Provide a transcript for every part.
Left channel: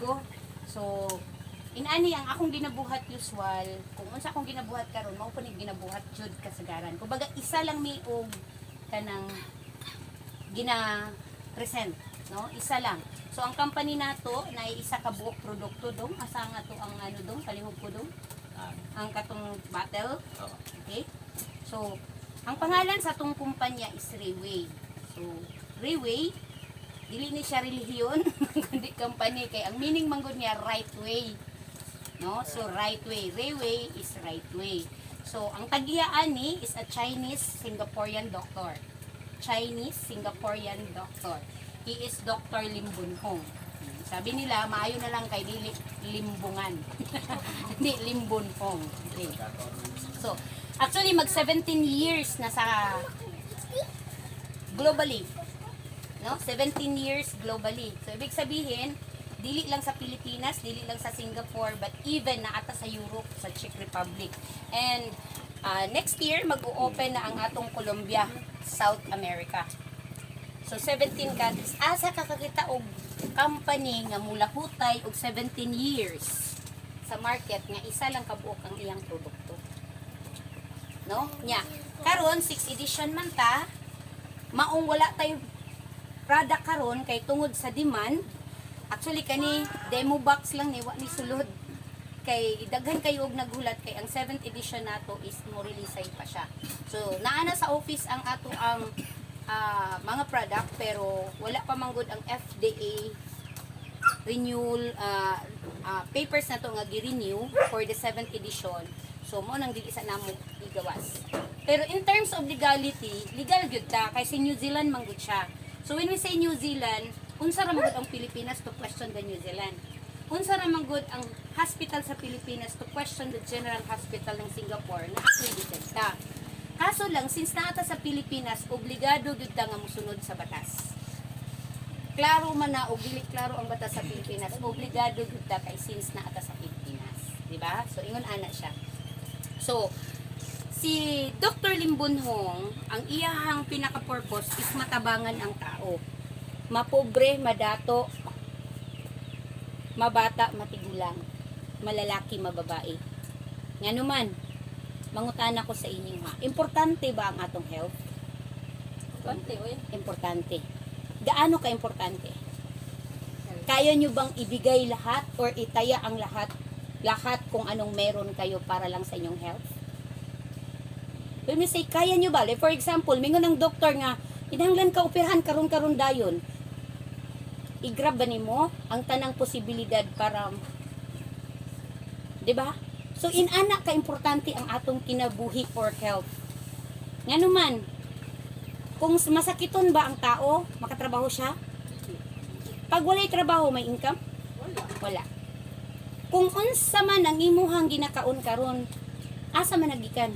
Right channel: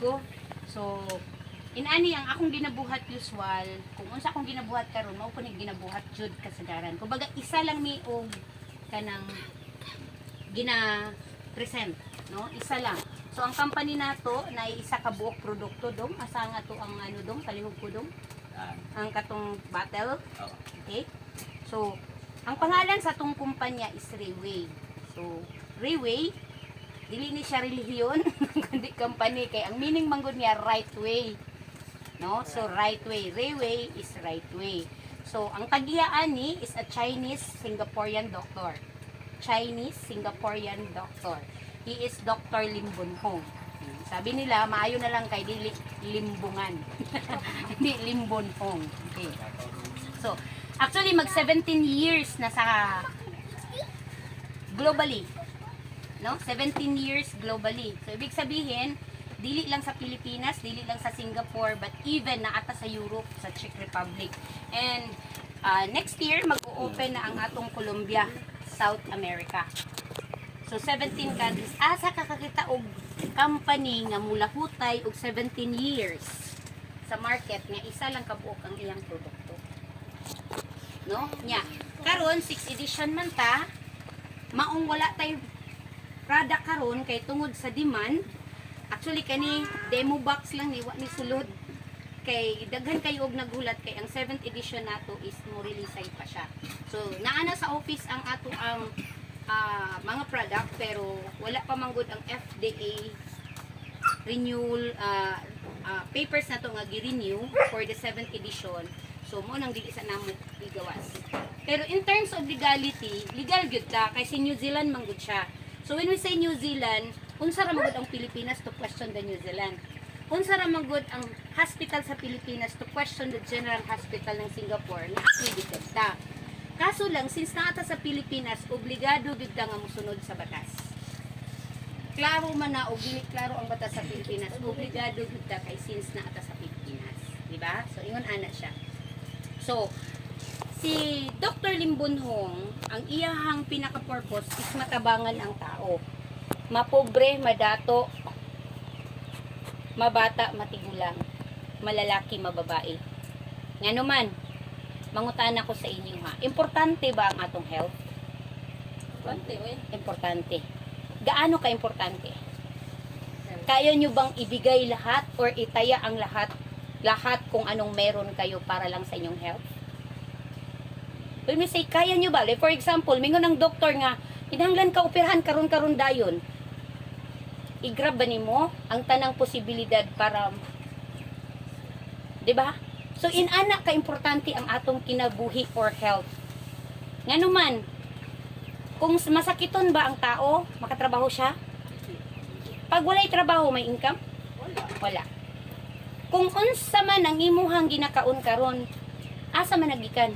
ko. So, inani ang akong ginabuhat usual, kung unsa akong ginabuhat karon mao po ni ginabuhat jud kasagaran. Kumbaga isa lang mi og kanang gina-present, no? Isa lang. So ang company nato na isa ka buok produkto dong, asa nga to ang ano dong, kalihog ko dong. Ang katong bottle. Okay? So, ang pangalan sa tong kumpanya is Rayway. So, Rayway, dili ni siya relihiyon, kundi company kay ang meaning manggod niya right way. No? So, right way. Rayway is right way. So, ang tagiyaan ni is a Chinese Singaporean doctor. Chinese Singaporean doctor. He is Dr. Lim Bun Hong. Sabi nila, maayo na lang kay dili limbungan. Hindi Limbun Hong. Okay. So, actually mag 17 years na sa globally. No? 17 years globally. So, ibig sabihin, dili lang sa Pilipinas, dili lang sa Singapore, but even na ata sa Europe, sa Czech Republic. And next year, mag-o-open na ang atong Colombia, South America. So, 17 countries. Asa kakakita og company nga mula hutay og 17 years sa market nga isa lang kabuok ang iyang produkto. No? Nya. Karon 6 edition man ta, maong wala tay product karon kay tungod sa demand. Actually kani demo box lang ni wa ni sulod. Kay daghan kayo og nagulat kay ang 7th edition nato is mo release pa siya. So naa na sa office ang ato ang mga product pero wala pa manggod ang FDA renewal papers na to nga gi-renew for the 7th edition. So mo nang dili sa namo igawas. Pero in terms of legality, legal gyud ta kay si New Zealand manggod siya. So when we say New Zealand, unsa ra manggod ang Pilipinas to question the New Zealand? Unsa ra manggod ang hospital sa Pilipinas to question the General Hospital ng Singapore na accredited ta? Kaso lang, since naata sa Pilipinas, obligado gud ta nga mosunod sa batas. Klaro man na o dili klaro ang batas sa Pilipinas, obligado gud ta kay since naata sa Pilipinas, di ba? So ingon ana siya. So si Dr. Lim Bun Hong, ang iyahang pinaka-purpose is matabangan ang tao. Mapobre, madato, mabata, matigulang, malalaki, mababae. Ngano man, mangutana ko sa inyo ha. Importante ba ang atong health? Importante, oy. Importante. Gaano ka-importante? Kaya nyo bang ibigay lahat or itaya ang lahat kung anong meron kayo para lang sa inyong health? When we say, kaya nyo ba? Like for example, mingon ng doktor nga, hinanglan ka operahan karon dayon. I-grab ba nimo ang tanang posibilidad para, di ba? So, inana ka-importante ang atong kinabuhi or health. Nga naman, kung masakiton ba ang tao, makatrabaho siya? Pag walay trabaho, may income? Wala. Kung unsa man ang imuhang ginakaon karon, asa man nagikan?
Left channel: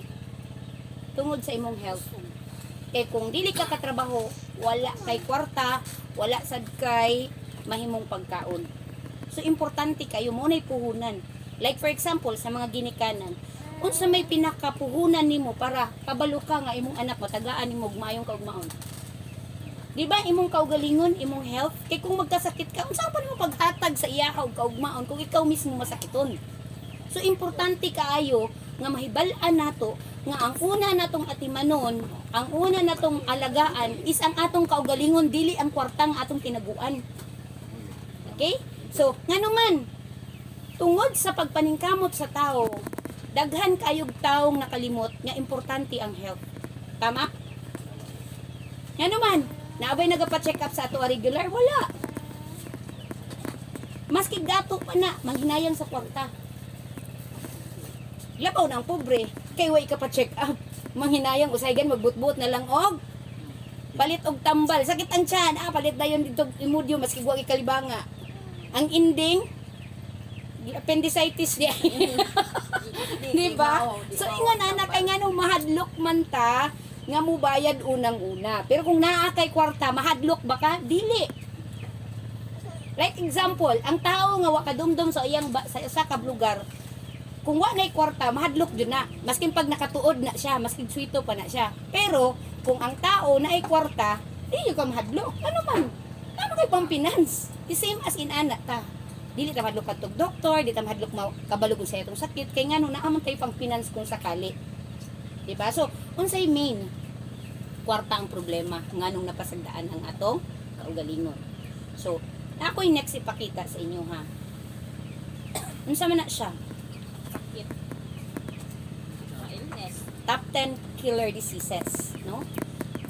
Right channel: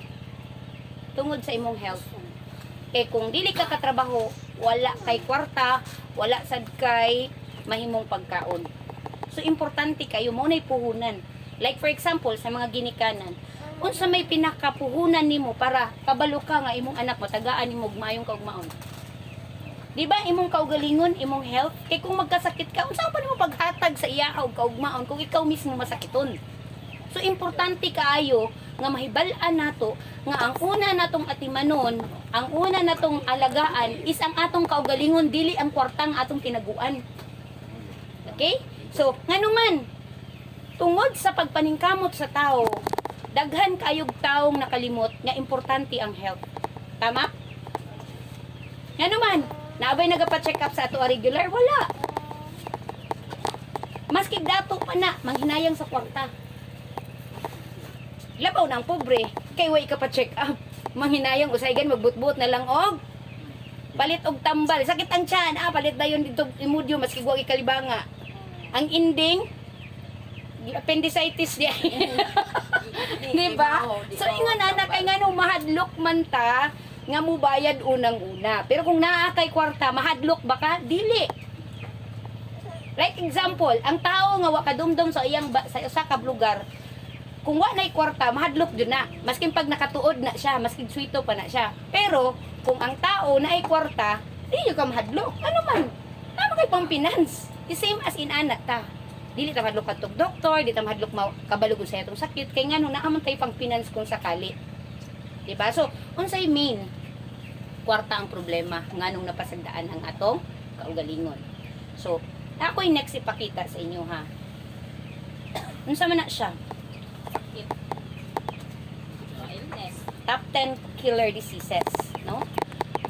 Tungod sa imong health. Kay kung dili ka katrabaho, wala kay kwarta, wala sad kay mahimong pagkaon. So, importante kayo, mo na'y puhunan. Like for example, sa mga ginikanan, unsa may pinakapuhunan nimo para kabalo ka nga imong anak mo tagaan nimo og maayong kaugmaon. Di ba imong kaugalingon, imong health, kay kung magkasakit ka, unsa pa nimo paghatag sa iya og kaugmaon kung ikaw mismo masakiton. So importante kaayo nga mahibal-an nato nga ang una natong atimanon, ang una natong alagaan is ang atong kaugalingon, dili ang kwartang atong tinaguan. Okay? So, nganuman, tungod sa pagpaningkamot sa tao, daghan kayog taong nakalimot nga importante ang health. Tama? Nga naman, naabay nagapa-check up sa ato regular? Wala. Maski dato pa na, manghinayang sa kwarta. Labaw ng pobre, kay way ka pa-check up. Manghinayang, usaygan, magbutbut na lang og palit og tambal. Sakit ang tiyan, palit na yun dito imudyo, maski guwag ikalibanga. Ang ending, appendicitis diya. Di ba? So, ingon anak kay nga nung mahadlok man ta, nga mo bayad unang-una. Pero kung naa kay kwarta, mahadlok ba ka? Dili. Like example, ang tao nga wakadumdum sa iyang sa kablugar, kung wa na'y kwarta, mahadlok dun na. Maskin pag nakatuod na siya, maskin sweeto pa na siya. Pero, kung ang tao na'y kwarta, di ka mahadlok. Ano man? Ano kay pang finance? The same as in anak ta. dili ta mahadlok kadtog doktor, dili ta mahadlok kabalog sa itong sakit kay ngano naamon tay pang finance kung sakali. Diba? So, unsay main kwarta ang problema nganong napasagdaan ang atong kaugalingon. So, ako'y next ipakita sa inyo ha. Unsa man na siya? Sakit. Illness. Top 10 killer diseases, no?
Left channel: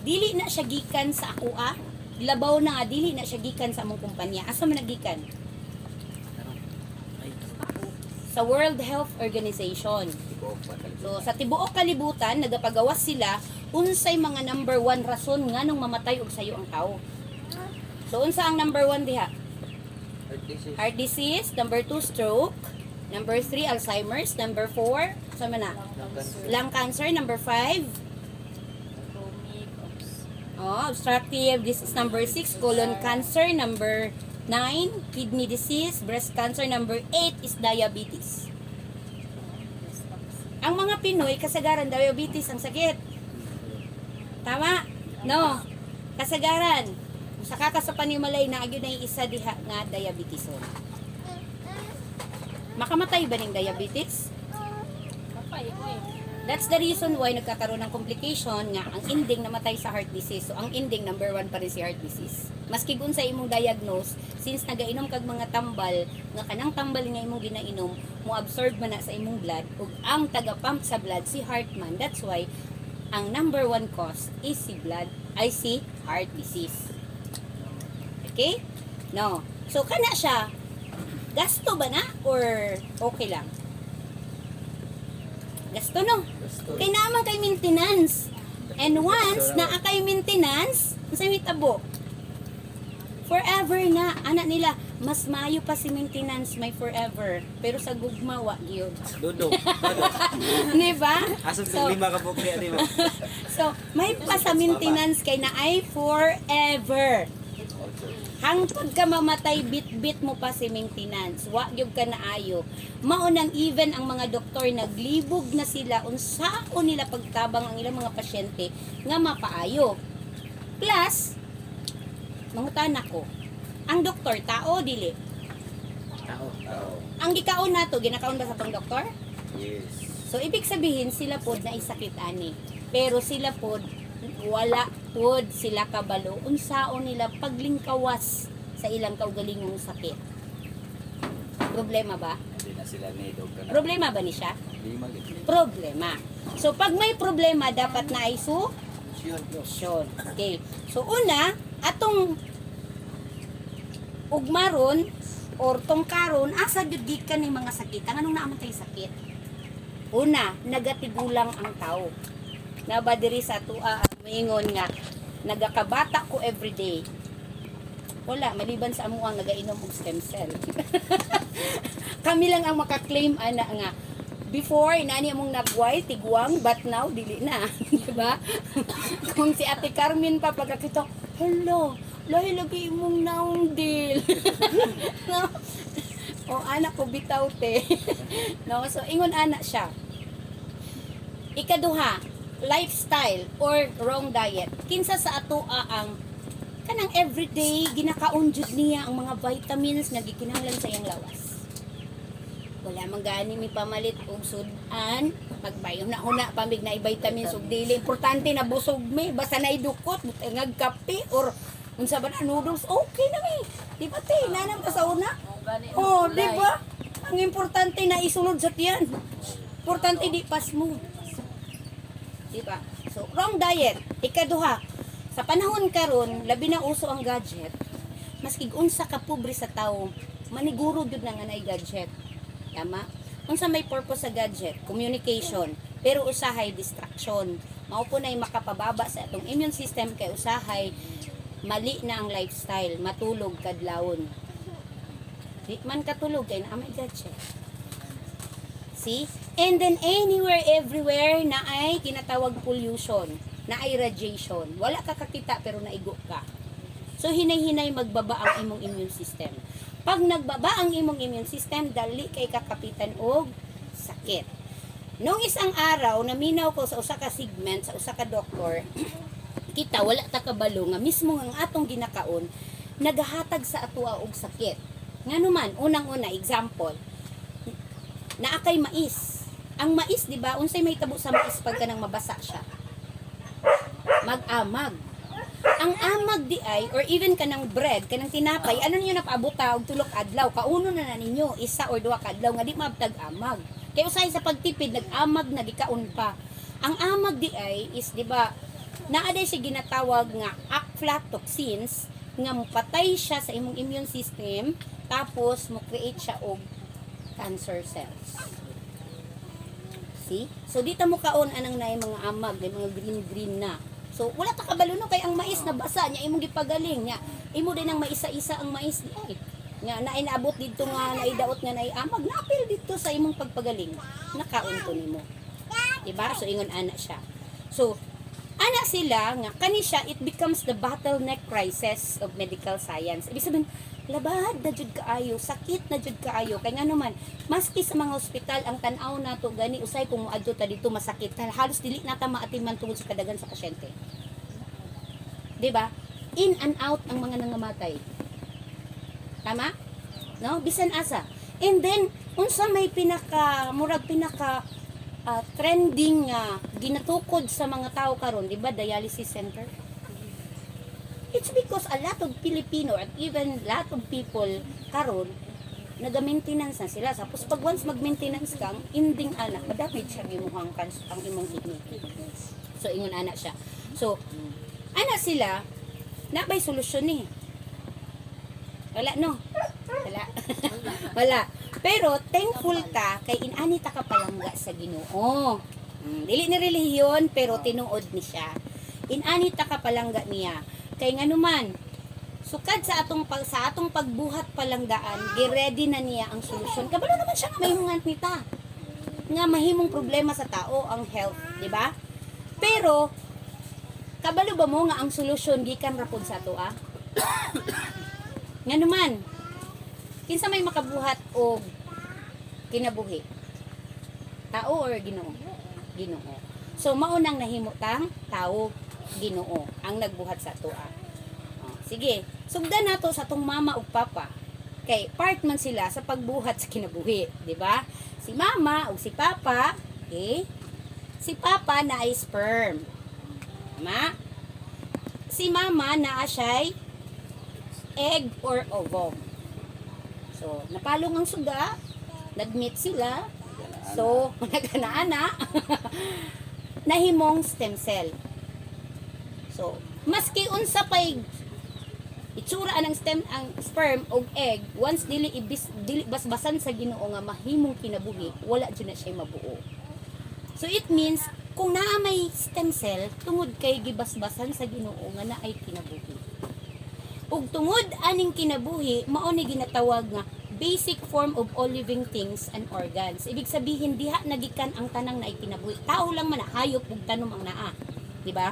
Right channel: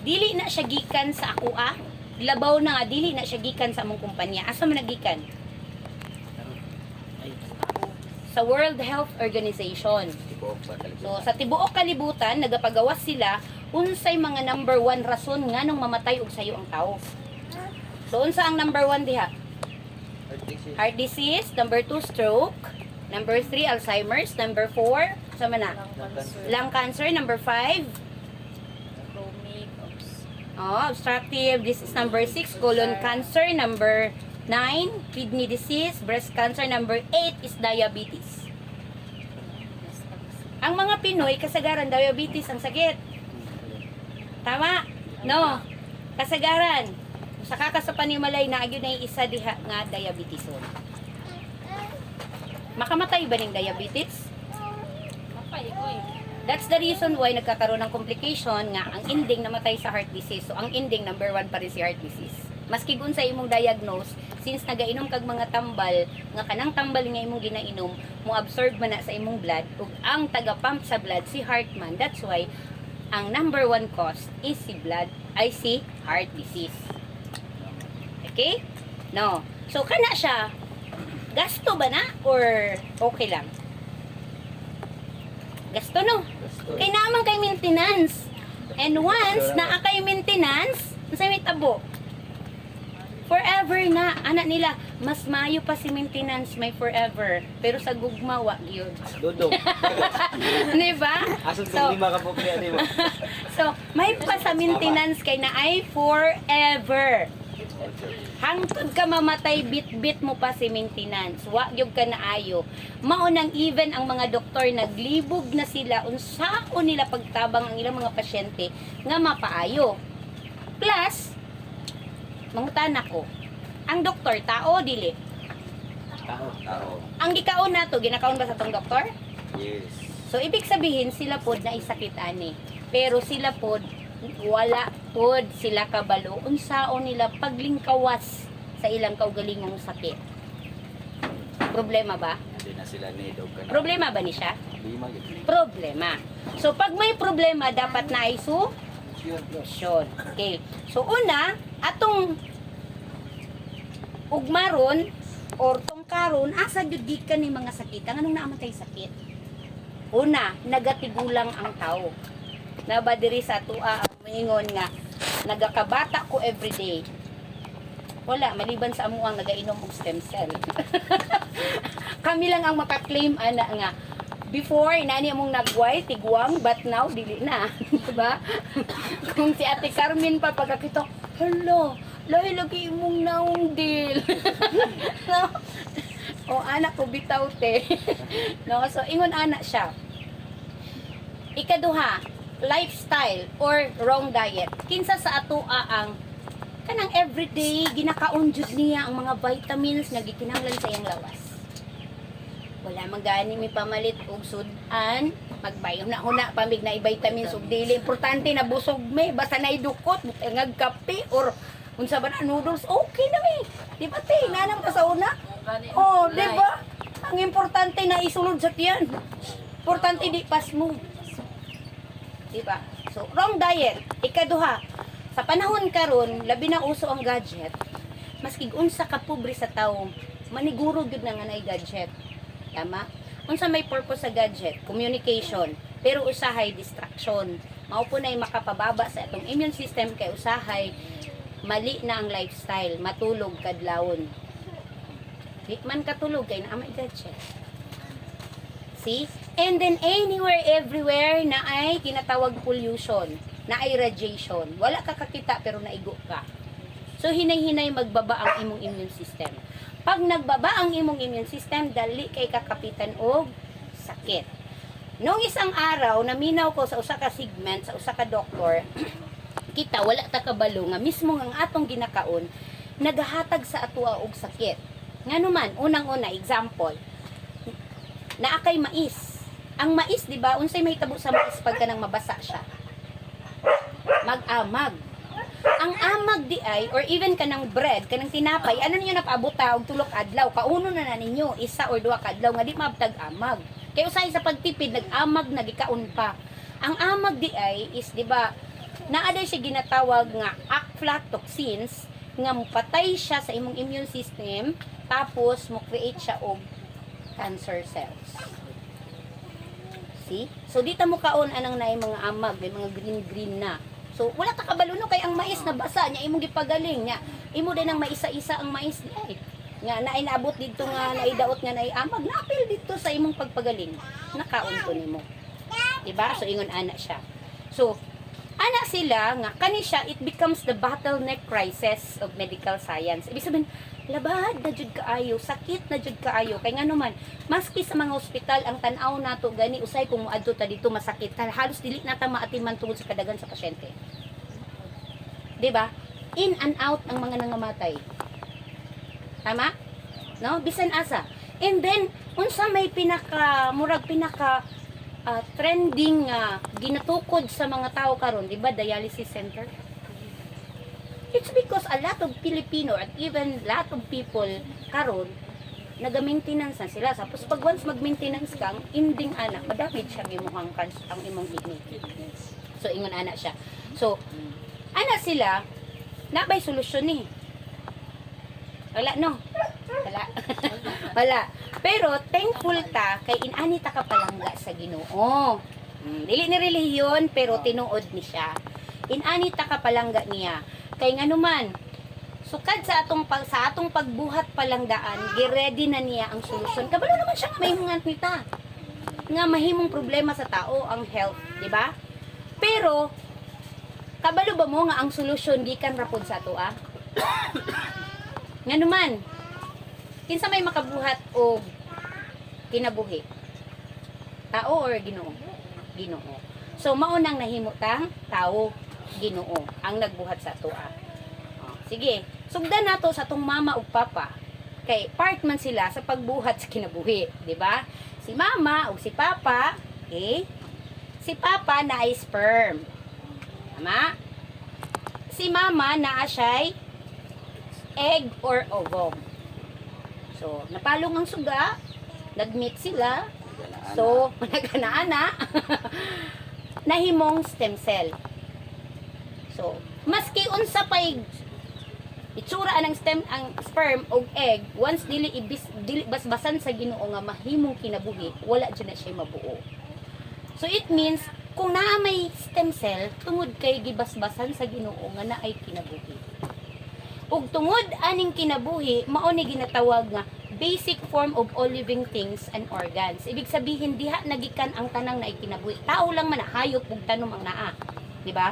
Dili na siya gikan sa akua, labaw na nga dili na siya gikan sa among kumpanya. Asa man nagikan? Sa World Health Organization. So, sa tibuok kalibutan, nagapagawas sila unsay mga number 1 rason nganong mamatay og sayo ang tao. So, unsa ang number 1 diha? Heart disease. Number 2, stroke. Number 3, Alzheimer's. Number 4, sama na? Lung cancer. Number 5, Chronic. obstructive. This is number 6, colon cancer. Number 9, kidney disease. Breast cancer. Number 8 is diabetes. Ang mga Pinoy, kasagaran, diabetes ang sakit. Tama? No. Kasagaran. Sa kakasapanimalay na agyon na isa diha nga diabeteson. Makamatay ba ng diabetes? Kapay ko eh. That's the reason why nagkakaroon ng complication nga ang ending namatay sa heart disease. So ang ending number 1 pa rin si heart disease. Maski kung sa imong diagnose, since nagainom kag mga tambal, nga kanang tambal nga imong ginainom, mo absorb man na sa imong blood ug ang taga-pump sa blood si heart man. That's why ang number 1 cause is si heart disease. Okay? No. So kana siya gasto ba na or okay lang? Gasto no. Kay naman kay maintenance. And once na kay maintenance, sa may tabo. Forever na anak nila, mas mayo pa si maintenance may forever. Pero sa gugma wa gyud. Dudong. Di ba? Asong So, lima ka po kaya di ba? so may pa sa maintenance kay na ay forever. Hangtod ka mamatay, bit-bit mo pa si maintenance. Wa gyud ka na ayo. Maunang even ang mga doktor naglibog na sila unsaon nila pagtabang ang ilang mga pasyente nga mapaayo. Plus, mangutana ko, ang doktor tao dili. Tao. Ang gikaon nato, ginakaon ba sa tong doktor? Yes. So ibig sabihin sila pod na isakit ani. Pero sila pod wala pod sila kabalo unsaon nila paglingkawas sa ilang kaugalingong sakit. Problema ba? Hindi na sila nidog ka na. Problema ba ni siya? Lima yun. Problema. So pag may problema dapat na ay Yun. solusyon. Okay. So una, atong ugmaron or tong karon asa jud gikan ni mga sakit. Anong naaman kay sakit? Una, nagatigulang ang tao. Naba diri sa tua moingon nga nagakabata ko everyday. Wala maliban sa amo ang nagainom og stem cell. Kami lang ang maka-claim ana nga before inani among nagway tigwang but now dili na, di ba? Kung si Ate Carmen pa pagkakita, hello, lahi lagi imong naong deal. No? O anak ko bitaw te. No, so ingon anak siya. Ikaduha, lifestyle or wrong diet. Kinsa sa atoa ang kanang everyday ginakaon jud niya ang mga vitamins nga gikinahanglan sa iyang lawas. Wala man gani mi pamalit og sudan, magbayom na una pamig na i-vitamins ug dili importante na busog me basta na idukot ngag kape or unsa ba na noodles okay na mi. Di ba te nanam ka sa una? Oh, di ba? Ang importante na isulod sa tiyan. Importante di pas move. Diba? So, wrong diet. Ikaduha, sa panahon karon labi na uso ang gadget, maski unsa ka pobre sa tawo, maniguro gyud na nga nay gadget. Tama? Unsa may purpose sa gadget? Communication. Pero usahay distraction. Mao po nay makapababa sa atong immune system kay usahay mali na ang lifestyle, matulog kadlawon. Di man katulog kay naa may gadget. See? And then anywhere, everywhere na ay tinatawag pollution, na ay radiation. Wala ka kakita pero naigo ka. So hinay-hinay magbaba ang imong immune system. Pag nagbaba ang imong immune system, dali kay kakapitan og sakit. Nung isang araw, naminaw ko sa usa ka segment, sa usa ka doktor, kita wala ta kabalo nga mismo ang atong ginakaon nagahatag sa atoa og sakit. Ngano man, unang-una example, naakay mais. Ang mais, di ba, unsay mahitabo sa mais pagka nang mabasa siya? Mag-amag. Ang amag di ay, or even kanang bread, kanang tinapay, ano ninyo napaabota og tulok adlaw, kauno na ninyo, isa or duha ka adlaw nga di mabtag amag. Kaya usahay sa pagtipid, nag-amag na gikaon pa. Ang amag di ay is, di ba, naaday siya ginatawag nga aflatoxins, nga mupatay siya sa imong immune system, tapos mo create siya og cancer cells. See? So dito mo kaon anang naay mga amag, may mga green na. So wala ta kabalo no kay ang mais na basa nya imong gipagaling nya. Imo din ang maisa-isa ang mais ay. Nga naay naabot dito nga naidaot nga naay amag, napil dito sa imong pagpagaling. Nakaon to nimo. Diba? So ingon ana siya. So ana sila nga kani siya, it becomes the bottleneck crisis of medical science. Ibig sabihin, labad na jud kaayo, sakit na jud kaayo kay ngano man, maski sa mga ospital ang tan-aw nato gani usay kung moadto ta dito masakit, halos dili nata maatiman tungod sa kadagan sa pasyente. 'Di ba? In and out ang mga nangamatay. Tama? No? Bisan asa. And then unsa may pinaka trending ginatukod sa mga tao karon, 'di ba? Dialysis center. It's because a lot of Filipino at even lot of people karon naga-maintenance na sila. Tapos pag once mag-maintenance kang ending ana, madamage siya imong ang imong kidney. So ingon ana siya. So ana sila nabay solusyon ni. Wala no. Wala. Wala. Pero thankful ta kay inani ta kapalangga sa Ginoo. Dili ni relihiyon pero tinuod ni siya. Inani ta kapalangga niya. Kay ngano man, sukad sa atong pagbuhat palanggaan, gi-ready na niya ang solusyon. Kabalo naman siya nga mahimong nita. Nga mahimong problema sa tao ang health, di ba? Pero kabalo ba mo nga ang solusyon gikan ra pud sa ato Ngano man, kinsa may makabuhat og kinabuhi? Tao or Ginoo? Ginoo. So mao nang nahimo tang tao, Ginoo ang nagbuhat sa atoa. Sige, sugdan nato sa atong mama ug papa. Kay part man sila sa pagbuhat sa kinabuhi, di ba? Si mama ug si papa, okay? Si papa na ay sperm. Tama? Si mama na siya'y egg or ovum. So, napalong ang suga, nag-meet sila. So, nagana-ana. Nahimong stem cell. So, maski unsa pay itsura ang sperm o egg, once dili basbasan sa Ginoo nga mahimong kinabuhi, wala dyan na siya mabuo. So, it means, kung naa may stem cell, tungod kay gibasbasan sa Ginoo nga naay kinabuhi. Ug tungod aning kinabuhi, mao ni ginatawag nga basic form of all living things and organs. Ibig sabihin, diha nagikan ang tanang naay kinabuhi. Tao lang man, hayop ug tanom ang naa. Di ba?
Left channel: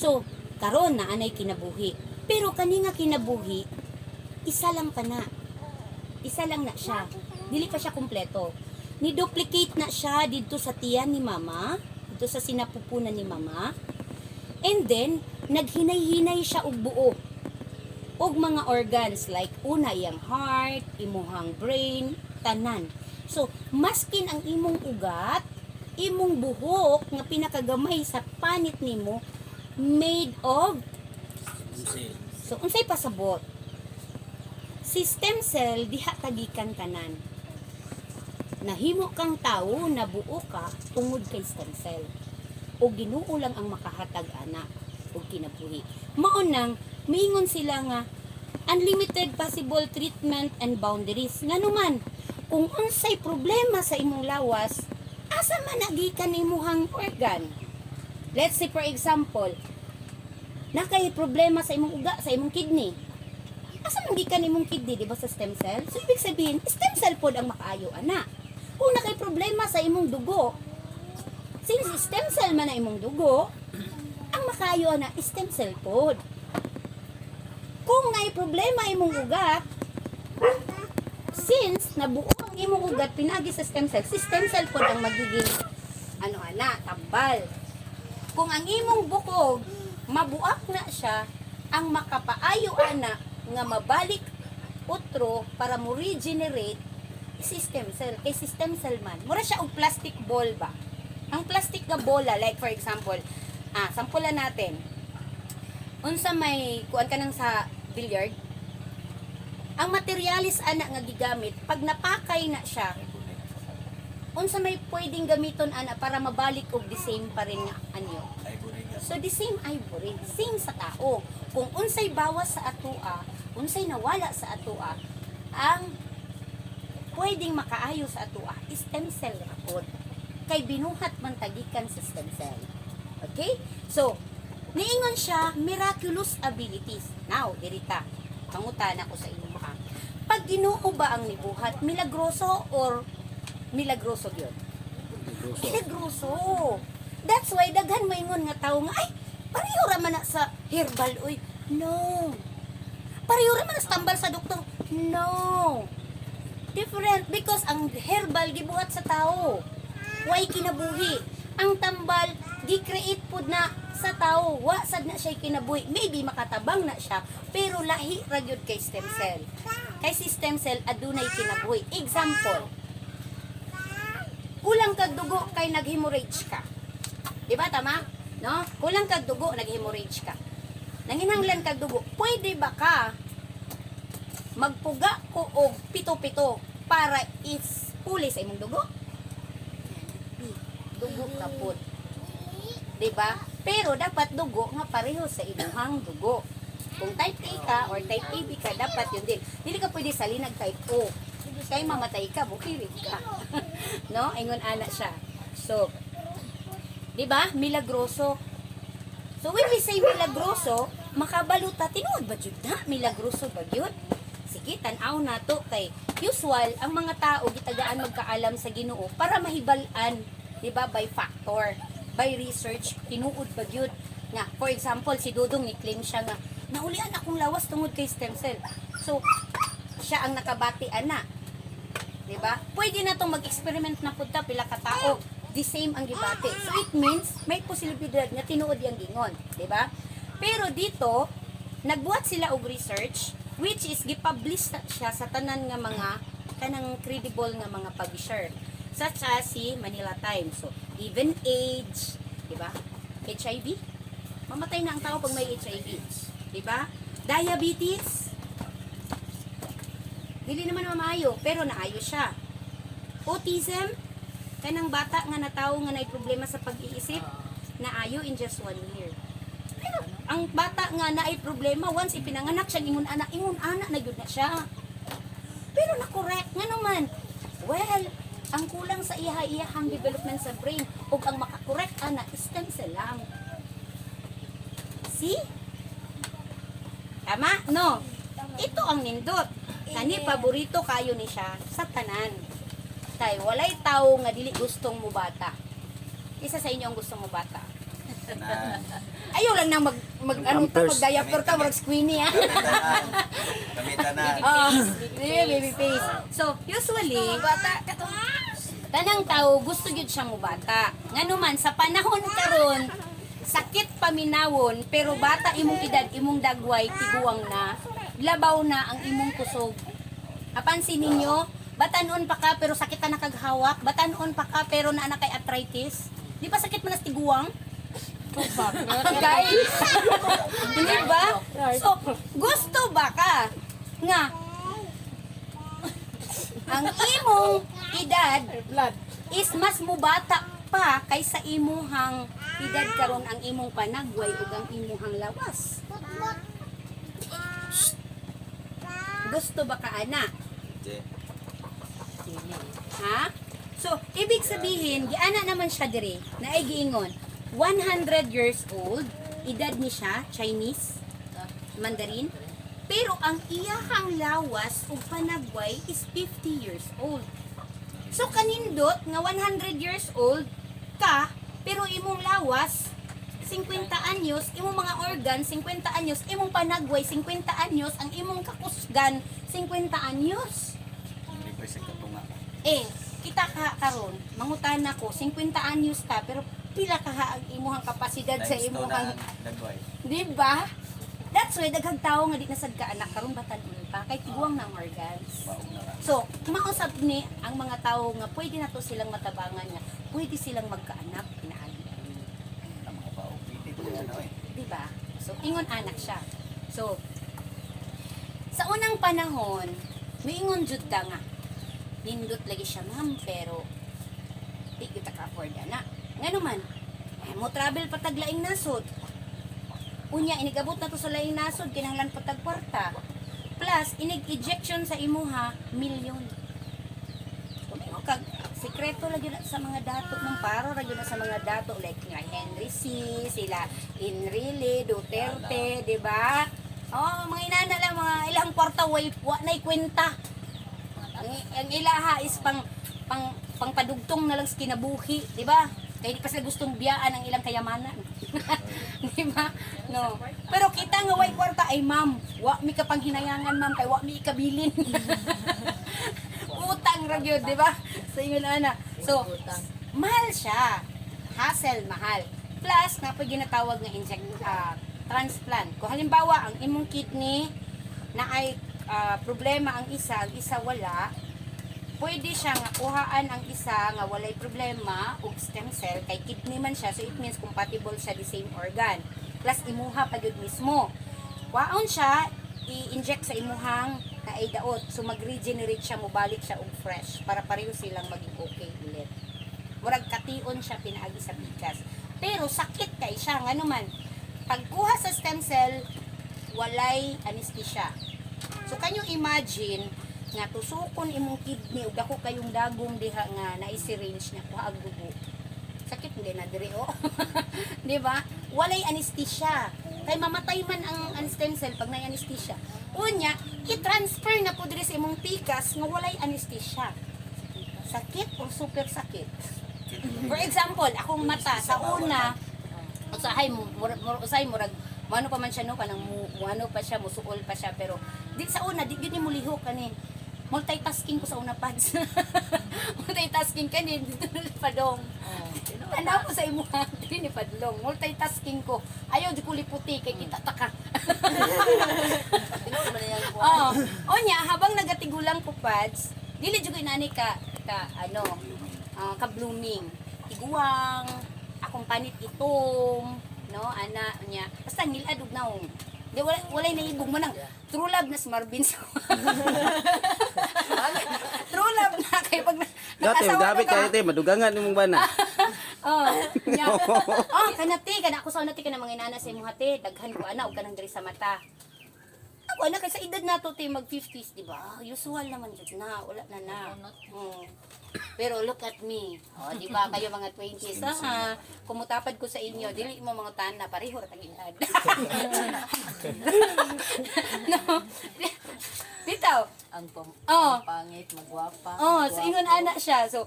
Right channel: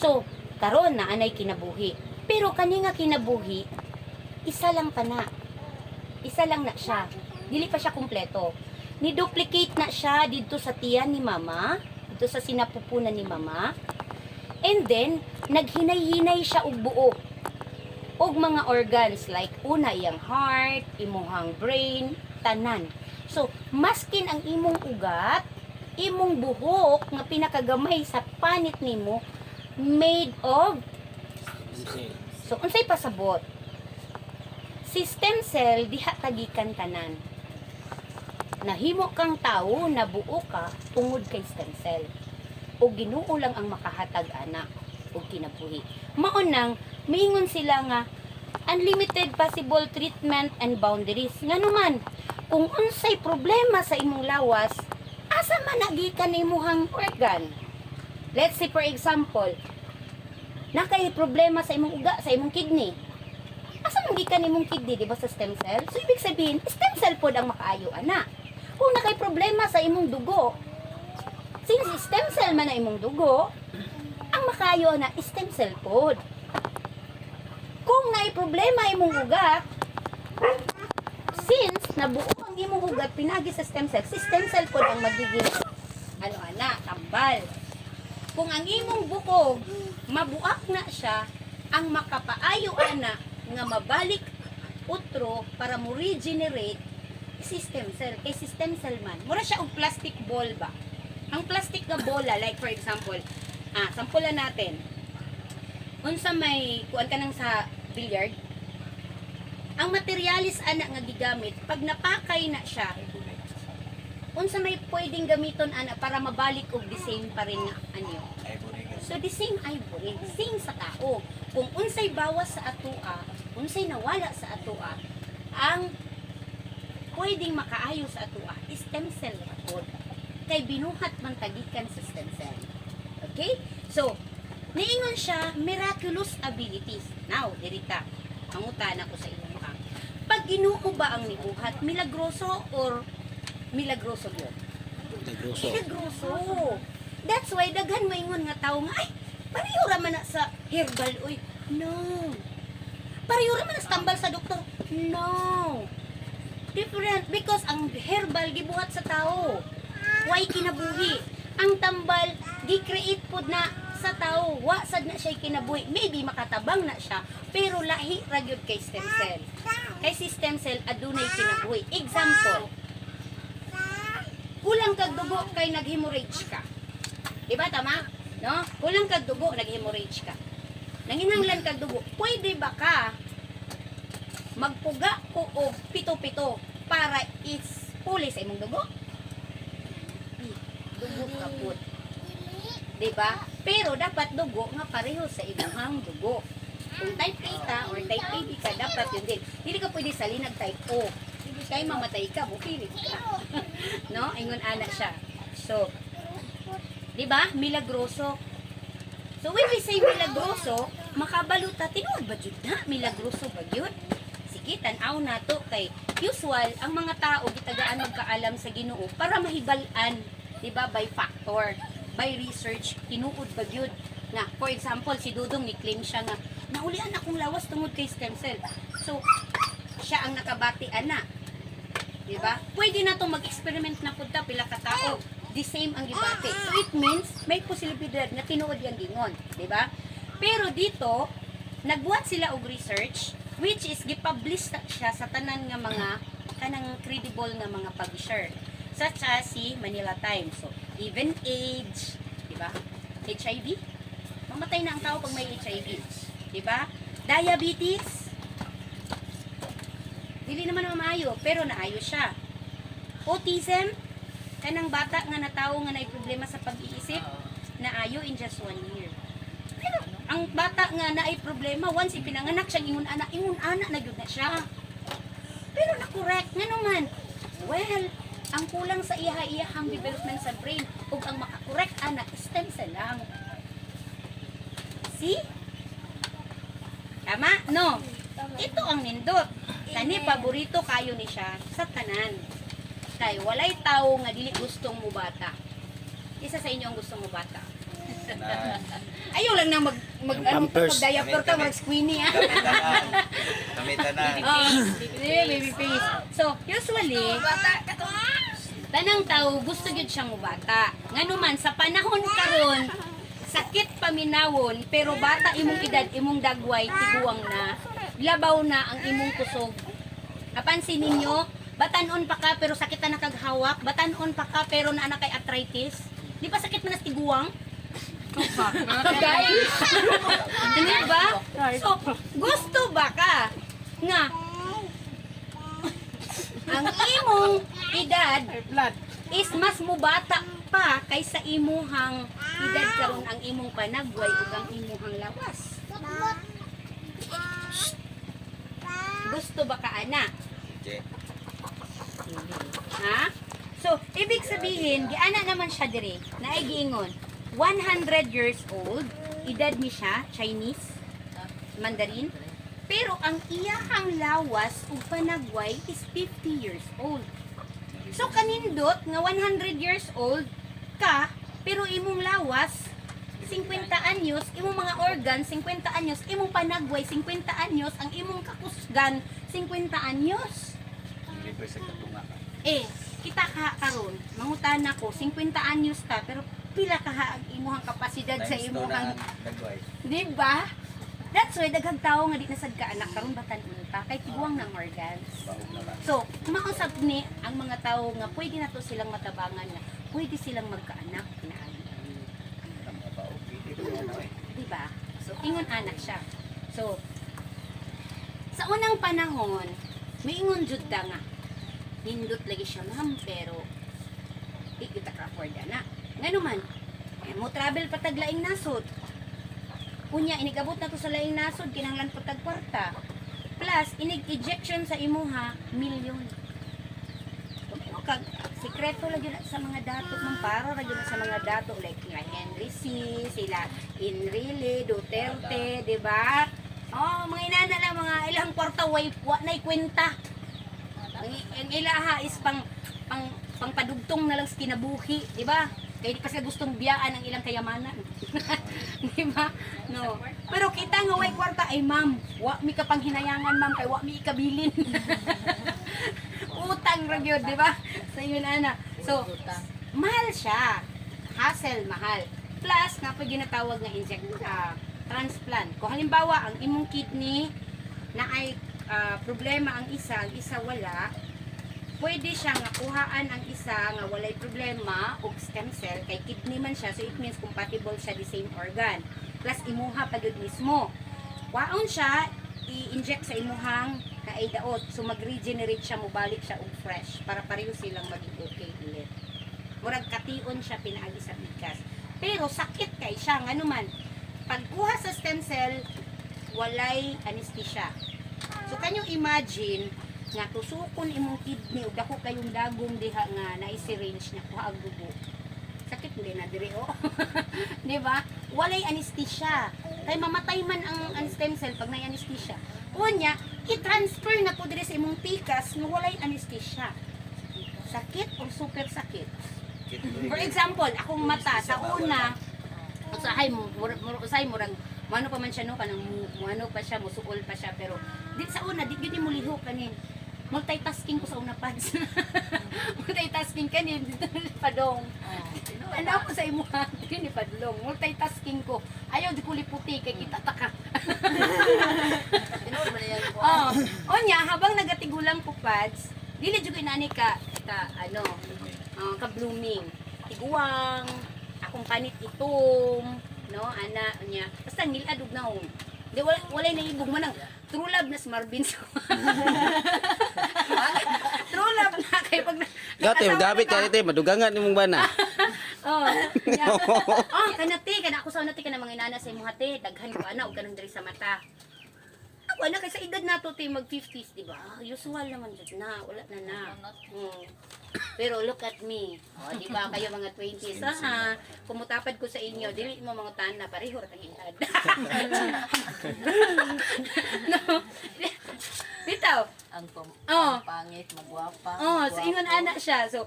So, karon na anay kinabuhi. Pero kani nga kinabuhi, isa lang pa na. Isa lang na siya. Dili pa siya kumpleto. Ni-duplicate na siya dito sa tiyan ni mama, dito sa sinapupunan ni mama. And then, naghinay-hinay siya og buo. Og mga organs like una iyang heart, imuhang brain, tanan. So, maskin ang imong ugat, imong buhok nga pinakagamay sa panit nimo, made of so unsay pasabot si stem cell diha tagikan tanan. Nahimo kang tawo na buo ka tungod kay stem cell o Ginoo lang ang makahatag ana og kinabuhi. Mao nang miingon sila nga unlimited possible treatment and boundaries. Ngano man kung unsay problema sa imong lawas, asa man nagikan imong organ. Let's say for example, nakay problema sa imong uga, sa imong kidney. Asa man gikan imong kidney, di ba sa stem cell? So ibig sabihin, stem cell pod ang makaayo ana. Kung nakay problema sa imong dugo, since stem cell man na imong dugo, ang makaayo ana stem cell pod. Kung nay problema imong ugat, since nabuo ang imong ugat pinagi sa stem cell, si stem cell pod ang magiging tambal. Kung ang imong bukog mabuak na siya, ang makapaayo ana nga mabalik utro para mo regenerate system cell. Kay system cell man, mura siya og plastic ball ba? Ang plastic nga bola, like for example, sampulan natin. Unsa may kuan ka nang sa billiard, ang materialis ana nga gigamit, pag napakay na siya, unsa may pwedeng gamiton ana para mabalik og the same pa rin nga anyo. So the same ivory, same sa tao. Kung unsay bawas sa atoa, unsay nawala sa atoa, ang pwedeng makaayo sa atoa, stem cell rakod. Kay binuhat man tagikan sa stem cell. Okay? So, niingon siya, miraculous abilities. Now, dirita, pangutan ako sa inyo ha. Pag Ginoo ba ang nibuhat, milagroso or milagroso yun? Milagroso. That's why daghan maingon nga tawo nga ay pareho ra man na sa herbal oy. No. Pareho ra man na sa tambal sa doktor. No. Different because ang herbal gibuhat sa tawo. Way kinabuhi. Ang tambal gi-create pod na sa tawo. Wa sad na siya kinabuhi. Maybe makatabang na siya pero lahi ra gyud kay stem cell. Kay si stem cell adunay kinabuhi. Example. Kulang kag dugo kay nag-hemorrhage ka. Diba tama? No? Kulang kag dugo, nag-hemorrhage ka. Nanginhanglan kag dugo, pwede ba ka magpuga ko og pito-pito para is-puli sa imong dugo? Dugo ka pud. Diba? Pero dapat dugo nga pareho sa imong dugo. Kung type A ka or type AB ka, dapat yun din. Hindi ka pwede salinag type O. Kaya mamatay ka, bukirit ka. No? Ingon ana siya. So, diba? Milagroso. So when we say milagroso, makabaluta, tinuod ba jud na? Milagroso ba yun? Sige, tanaw na to kay usual, ang mga tao gitagaan magkaalam sa Ginoo para mahibal-an, diba? By factor, by research, tinuod ba yun? Nga, for example, si Dudong ni-claim siya nga, naulian akong lawas tungod kay stem cell. So, siya ang nakabatian na. Diba? Pwede na itong mag-experiment na punta pila ka tao. The same ang gibati. So it means may posibilidad na tinuod yung gingon, di ba? Pero dito nagbuhat sila og research which is gipublish siya sa tanan nga mga kanang credible nga mga publisher such as si Manila Times. So even age, di ba? HIV, mamatay na ang tao pag may HIV, di ba? Diabetes, dili naman maayo pero naayo siya. Autism, kanang bata nga natawo nga nay problema sa pag-iisip, naayo in just 1 year. Pero ang bata nga naay problema once ipinanganak siya ingon ana na gyud na siya. Pero na-correct nga naman. Well, ang kulang sa iyahang development sa brain ug ang makakorek ana stem cell lang. See? Tama? No. Ito ang nindot. Kani paborito kayo ni siya sa tanan. Kay walay tao nga dili gustong mo bata. Isa sa inyo ang gustong mo bata. Ayaw lang nang mag-diaper ka, mag-squeenie ah. Kami tanan. Baby face. So, usually, tanang tao gusto gyud siyang mubata. Nganuman sa panahon karon, sakit paminawon pero bata imong edad, imong dagway tiguang na, labaw na ang imong kusog. Apansin ninyo, batanon pa ka pero sakit na nakaghawak, batanon pa ka pero naa na kay arthritis. Di ba sakit man nas tiguang? Guys, hindi ba? So, gusto ba ka nga ang imong edad is mas mubata pa kaysa imuhang edad karon ang imong panagway ug ang imuhang lawas? Gusto ba ka ana? Ha? So, ibig sabihin, giana naman siya dire, na ay giingon, 100 years old, edad ni siya, Chinese, Mandarin, pero ang iyahang lawas o panagway is 50 years old. So, kanindot nga 100 years old ka, pero imong lawas, 50 anyos, imong mga organ, 50 anyos, imong panagway, 50 anyos, ang imong kakusgan, 50 anyos. Libre sa katunga. Kita ka karon, mangutan ako 50 anyos ka pero pila ka ang imuhang kapasidad sa imuhang, Dagway. di ba? That's why daghang tawo nga di nasad ka anak karon batan kwarta kay tiguang ng organs. Baog na nga. So, mausap ni ang mga tao nga pwede na to silang matabangan nga pwede silang magkaanak na Ang mga baog. Hindi ko ano eh. diba? So, ingon anak siya. So, sa unang panahon, moingon jud ta nga nindot lagi siya ma'am pero di kita ka afford na. Ngano man, mo travel patag laing nasod. Unya inigabot na to sa laing nasod kinahanglan patag kwarta. Plus inig ejection sa imuha milyon. So, kag sikreto lagi na sa mga dato man para lagi na sa mga dato like nga Henry C, sila Enrile, Duterte, di ba? Oh, mga inana lang mga ilang kwarta way wa nay kwenta. Ang ilaha is pang padugtong na lang sa kinabuhi, di ba? Kaya di pa sila gustong biyaan ang ilang kayamanan. Di ba? No. Pero kita nga way kwarta ay ma'am, wa mi ka pang hinayangan ma'am kay wa mi ikabilin. Utang ra gyud, di ba? So yun ana. So mahal siya. Hassle mahal. Plus nga pag ginatawag nga transplant. Kung halimbawa ang imong kidney na ay problema ang isa wala, pwede siya nga kuhaan ang isa nga walay problema og stem cell kay kidney man siya, so it means compatible siya the same organ. Plus imuha pa gud mismo. Waon siya i-inject sa imuhang kaidaot, so mag-regenerate siya, mobalik siya og fresh para pareho silang maging okay ulit. Murag kation siya pinaagi sa bigas. Pero sakit kay siya ngano man. Pagkuha sa stem cell, walay anesthesia. So kanyo imagine nga tusukon imong kidney ug dako kayong dagong diha nga na-syringe niya kuha ang dugo. Sakit din na dire oh. Di ba? Walay anesthesia. Kay mamatay man ang stem cell pag may anesthesia. Unya, i-transfer na po dire sa imong tikas nga walay anesthesia. Sakit o super sakit. For example, akong mata sa una usahay murag ano pa man siya no kanang ano pa siya musuol pa siya pero di sa una di gyud ni mo liho kanin multitasking ko sa una pads. Multitasking kanin dito ni padong. Ano ko sa imo ni padlong multitasking ko ayaw di ko liputi kay kita taka. Oh, onya habang nagatigulang ko pads dili jud inani ka ano ka blooming tiguang akong panit itom no ana nya basta niladug na di walay naibog man ang true love na si Marvin sa true love na kay pag Gati, gabi ka ite, madugangan nimong bana. oh nya oh kanati kana ako sa unati kana mga inana sa imong hati daghan ko ana og kanang diri sa mata ako ana kay sa edad nato tay mag 50s di ba usual naman jud na wala na pero look at me. O, di ba kayo mga 20s, ha? Kumutapad ko sa inyo, dili mo mga tana, pareho ra tayong edad. No. Bitaw. Ang pangit, magwapa. Oh, so ingon ana siya. So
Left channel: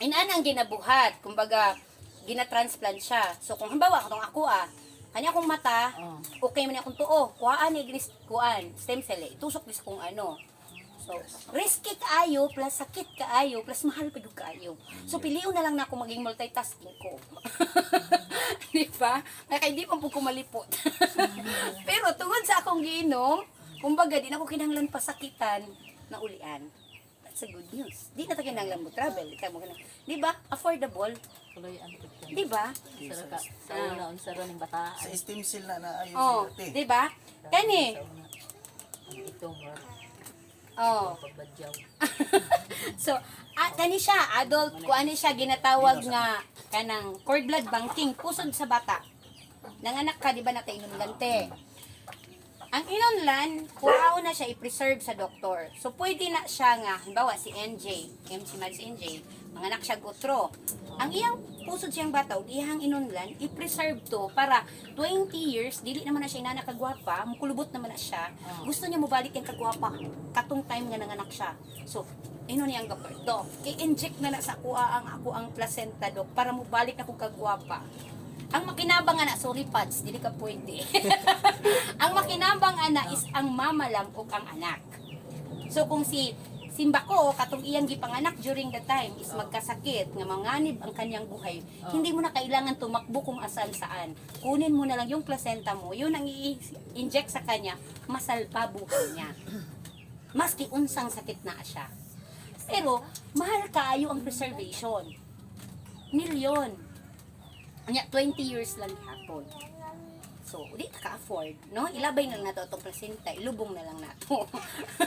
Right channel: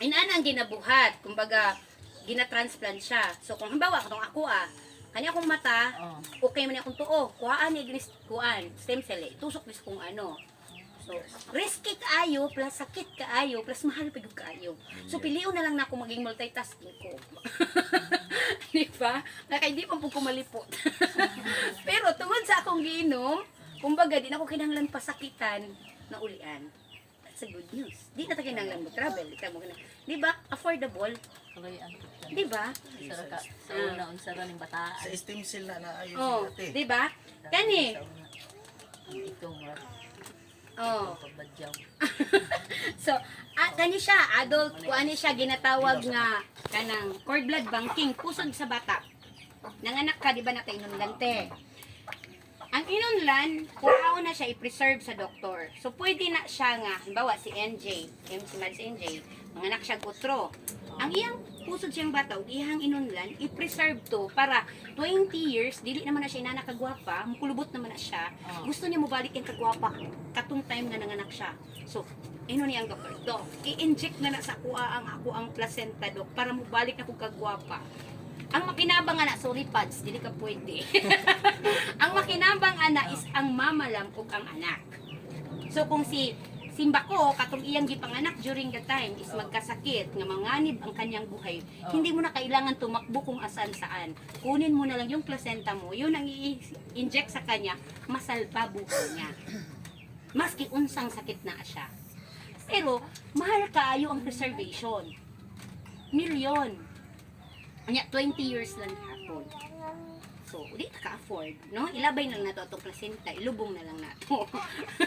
inana ang ginabuhat, kumbaga gina-transplant siya. So kung halimbawa katong ako kanya akong mata, okay man akong tuo, kuhaan ni stem cell, itusok bis kung ano. So, risky kaayo, plus sakit kaayo, plus mahal pa kaayo. So, piliun na lang na ako maging multitasking ko. Di ba? Kaya di pa po kumalipot. Pero tungod sa akong giinom, kumbaga, di na ako kinahanglan pasakitan na ulian. That's a good news. Di na tayo kinahanglan mo travel. Di ba? Affordable. Di ba? Sa una, unsara ng bataan. Sa stem cell na ayos Oh, ate. di ba? Kani. Ito, Oh. pagbadyaw. So, kani siya, adult, kung ano siya ginatawag nga kanang cord blood banking, pusod sa bata. Nanganak ka, di ba natin inunlante? Ang inunlan, kuhaon na siya i-preserve sa doktor. So, pwede na siya nga, halimbawa si NJ, si Mads NJ, manganak siya gutro. Ang iyang pusod siyang bata, o iyang inunlan, i-preserve to para 20 years, dili naman na siya inanakagwapa, mukulubot naman na siya, gusto niya mubalik yung kagwapa, katong time nga nanganak siya. So, ino niya ang doktor, Dok, i-inject na sa ako ang placenta, Dok, para mubalik na kong kagwapa. Ang makinabang ana, sorry pads, dili ka pwede. Ang makinabang ana is ang mama lang ug ang anak. So kung si simba ko katong iyang gipanganak during the time is magkasakit nga manganib ang kanyang buhay. Hindi mo na kailangan tumakbo kung asan saan. Kunin mo na lang yung placenta mo, yun ang i-inject sa kanya, masalpa buhay niya. Maski unsang sakit na siya. Pero mahal kaayo ang preservation. Milyon. Anya 20 years lang hapon. So, di ka-afford, no? Ilabay lang nato atong placenta, ilubong na lang nato.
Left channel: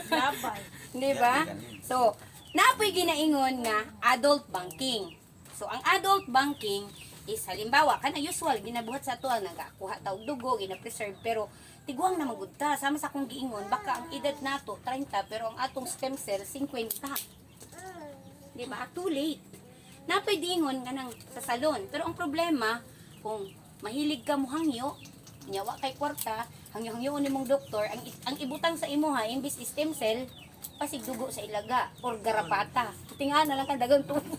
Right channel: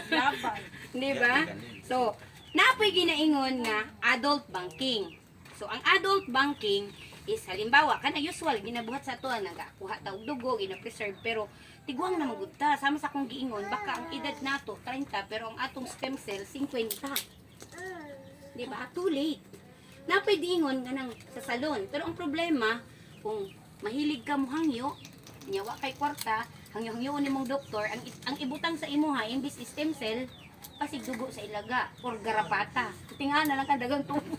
Labay. Di ba? So, napoy ginaingon nga adult banking. So, ang adult banking is halimbawa, kana usual ginabuhat sa ato nagakuha ta og dugo, gina-preserve pero tiguang na magudta sama sa akong giingon baka ang edad nato 30 pero ang atong stem cell 50. Di ba? Too late. Napoy dingon kanang sa salon. Pero ang problema, kung mahilig ka mo hangyo, nyawa kay kwarta, hangyo-hangyo ni mong doktor, ang ibutang sa imuha, imbis stem cell, pasig dugo sa ilaga or garapata. Tinga na lang ka dagang tubo.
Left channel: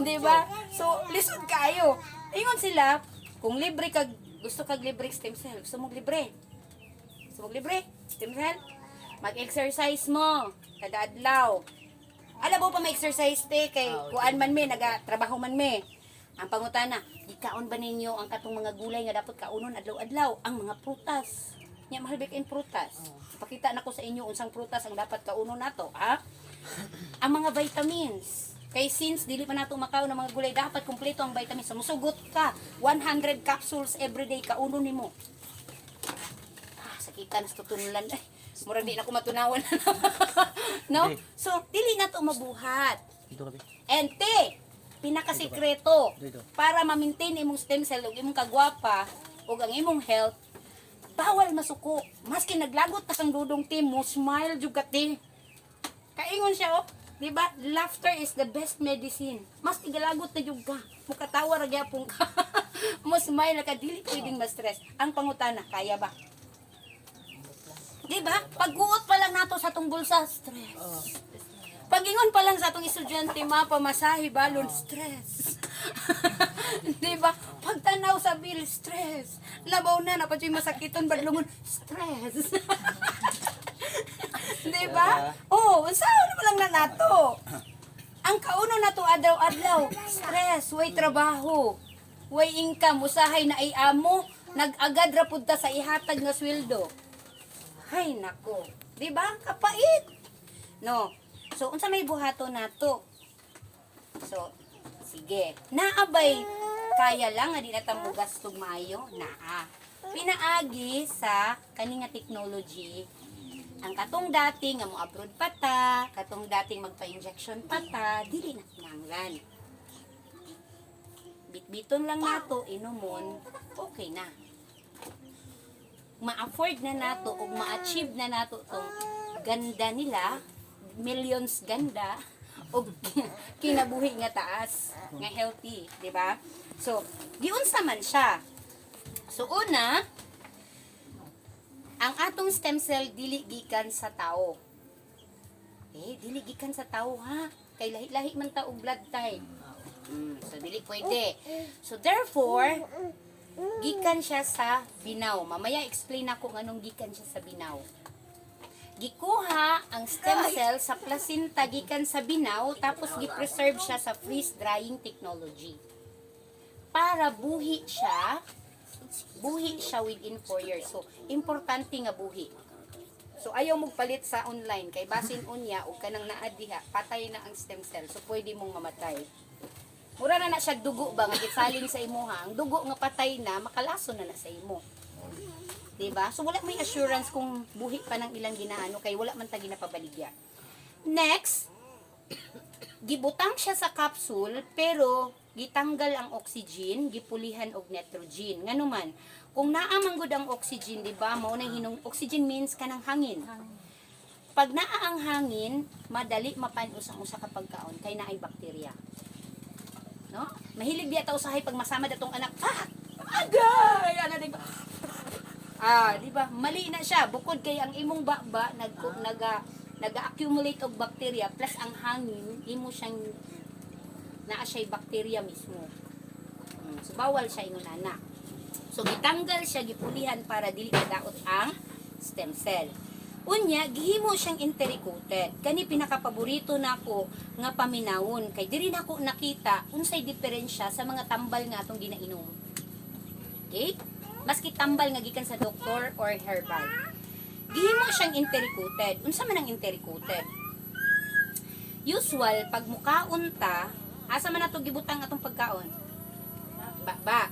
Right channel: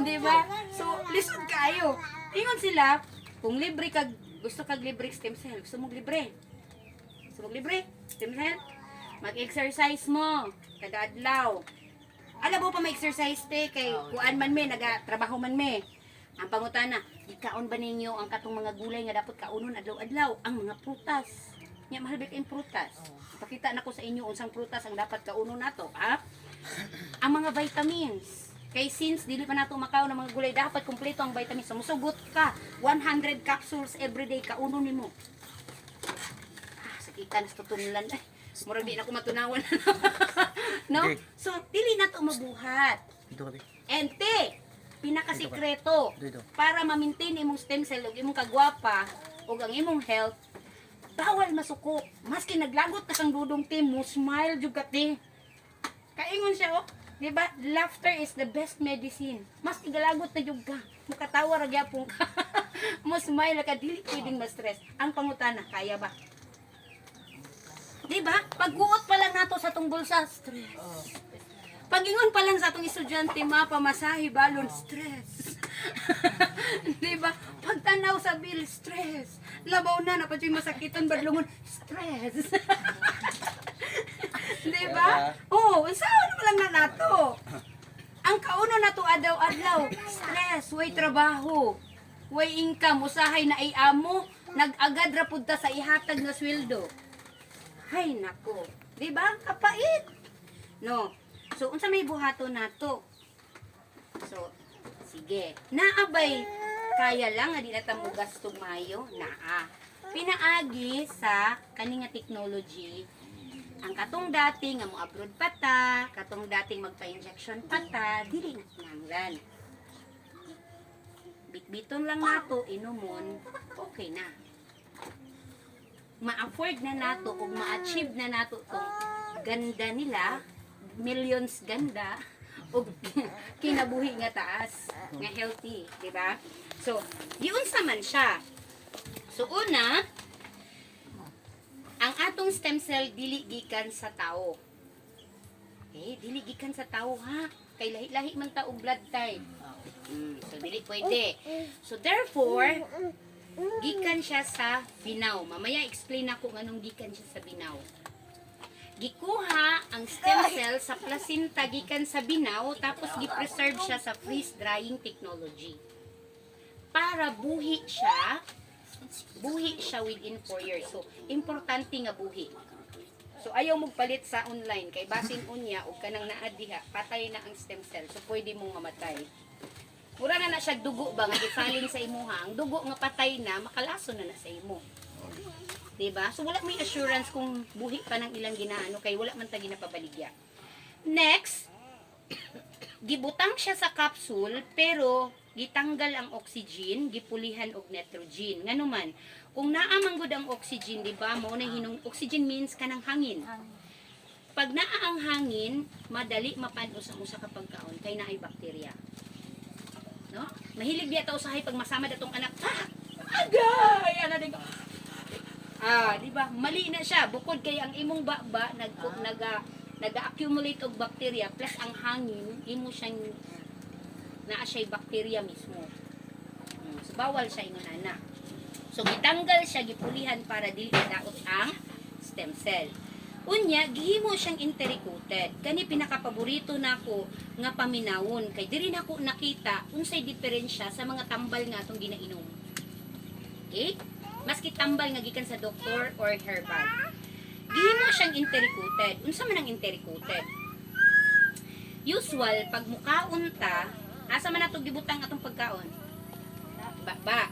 Di ba? So, lisod kayo. Ingon sila, kung libre kag gusto kag libre stem cell, gusto mong libre. Gusto mong libre stem cell? Mag-exercise mo kada adlaw. Alam mo pa ma-exercise te kay kuan man me nagatrabaho man me. Ang pangutana, ikaon ba ninyo ang katong mga gulay nga dapat kaunon adlaw-adlaw? Ang mga prutas. Nya mahal big prutas. Pakita nako sa inyo unsang prutas ang dapat kaunon nato, ha? Ang mga vitamins. Kay since dili pa nato makaon ng mga gulay, dapat kumpleto ang vitamins. So, musugot ka 100 capsules every day kaunon nimo. Sakitan sa tutunulan. Murag di na ko matunawan. No? So, dili na to mabuhat. Dito kami. And te, pinakasikreto para ma-maintain imong stem cell ug imong kagwapa ug ang imong health, bawal masuko. Maski naglagot na kang dudong te, mo smile jud ka te. Kaingon siya oh, di ba? Laughter is the best medicine. Maski galagot na jud ka, mukatawa ra gyapon ka. Mo smile ka dili pwedeng ma-stress. Ang pangutana, kaya ba? Diba? Pagguot pa lang nato sa atong bulsa, stress. Pagingon pa lang sa atong estudyante, mapamasahe, balon, stress. Diba? Pagtanaw sa bill, stress. Labaw na, napadyo'y masakitan, badlungon, stress. Diba? Oh, saan naman lang na nato? Ang kauno nato adlaw-adlaw, stress, way trabaho, way income, usahay na ay amo, nag-agad ra pud ta sa ihatag nga sweldo. Ay, nako. Diba? Kapait. No. So, unsa may buhato nato? So, sige. Naabay. Kaya lang, nga di na tamo gastog maayo. Naa. Pinaagi sa kaninga technology. Ang katong dating, nga mo abroad pata, katong dating magpa-injection pata, dili na kinanglan. Bitbiton lang nato, inumon, okay na. Ma-afford na nato o ma-achieve na nato tong ganda nila, millions ganda o kinabuhi nga taas, nga healthy, di ba? So, diunsa man siya. So una, ang atong stem cell dili gikan sa tao. Dili gikan sa tao ha. Kay lahi-lahi man ta og blood type. So dili pwede. So therefore, gikan siya sa binaw. Mamaya explain ako nganong gikan siya sa binaw. Gikuha ang stem cell sa placenta gikan sa binaw tapos gi-preserve siya sa freeze drying technology. Para buhi siya within 4 years. So importante nga buhi. So ayaw magpalit sa online kay basin unya ug kanang naa diha patay na ang stem cell. So pwede mong mamatay. Mura na siya dugo ba nga gisalin sa imuha. Ang dugo nga patay na makalason na sa imo. Diba? So wala may assurance kung buhi pa ng ilang ginaano kay wala man ta ginapabaligya. Next, gibutang siya sa capsule pero gitanggal ang oxygen, gipulihan og nitrogen. Nganuman, kung naa man gud ang oxygen, di ba? Mao na hinung oxygen means kanang hangin. Pag naa ang hangin, madali mapanos ang usa ka pagkaon kay naay bakterya. No? Mahilig diya ta usahay pag masama datong anak. Agay, ana di ba? Di ba? Mali na siya bukod kay ang imong baba naga-accumulate og bacteria plus ang hangin imo siyang naa siya'y bacteria mismo. So bawal siya ingon ana. So gitanggal siya gipulihan para dili madaot ang stem cell. Unya, gihimo siyang enteric-coated. Kani pinakapaborito nako nga paminawon kay diri nako nakita unsay diferensya sa mga tambal nga atong ginainom. Okay? Maski tambal nga gikan sa doktor or herbal. Gihimo siyang enteric-coated. Unsa man ang enteric-coated? Usual pag mukaon ta, asa man nato gibutang atong pagkaon? Bakba.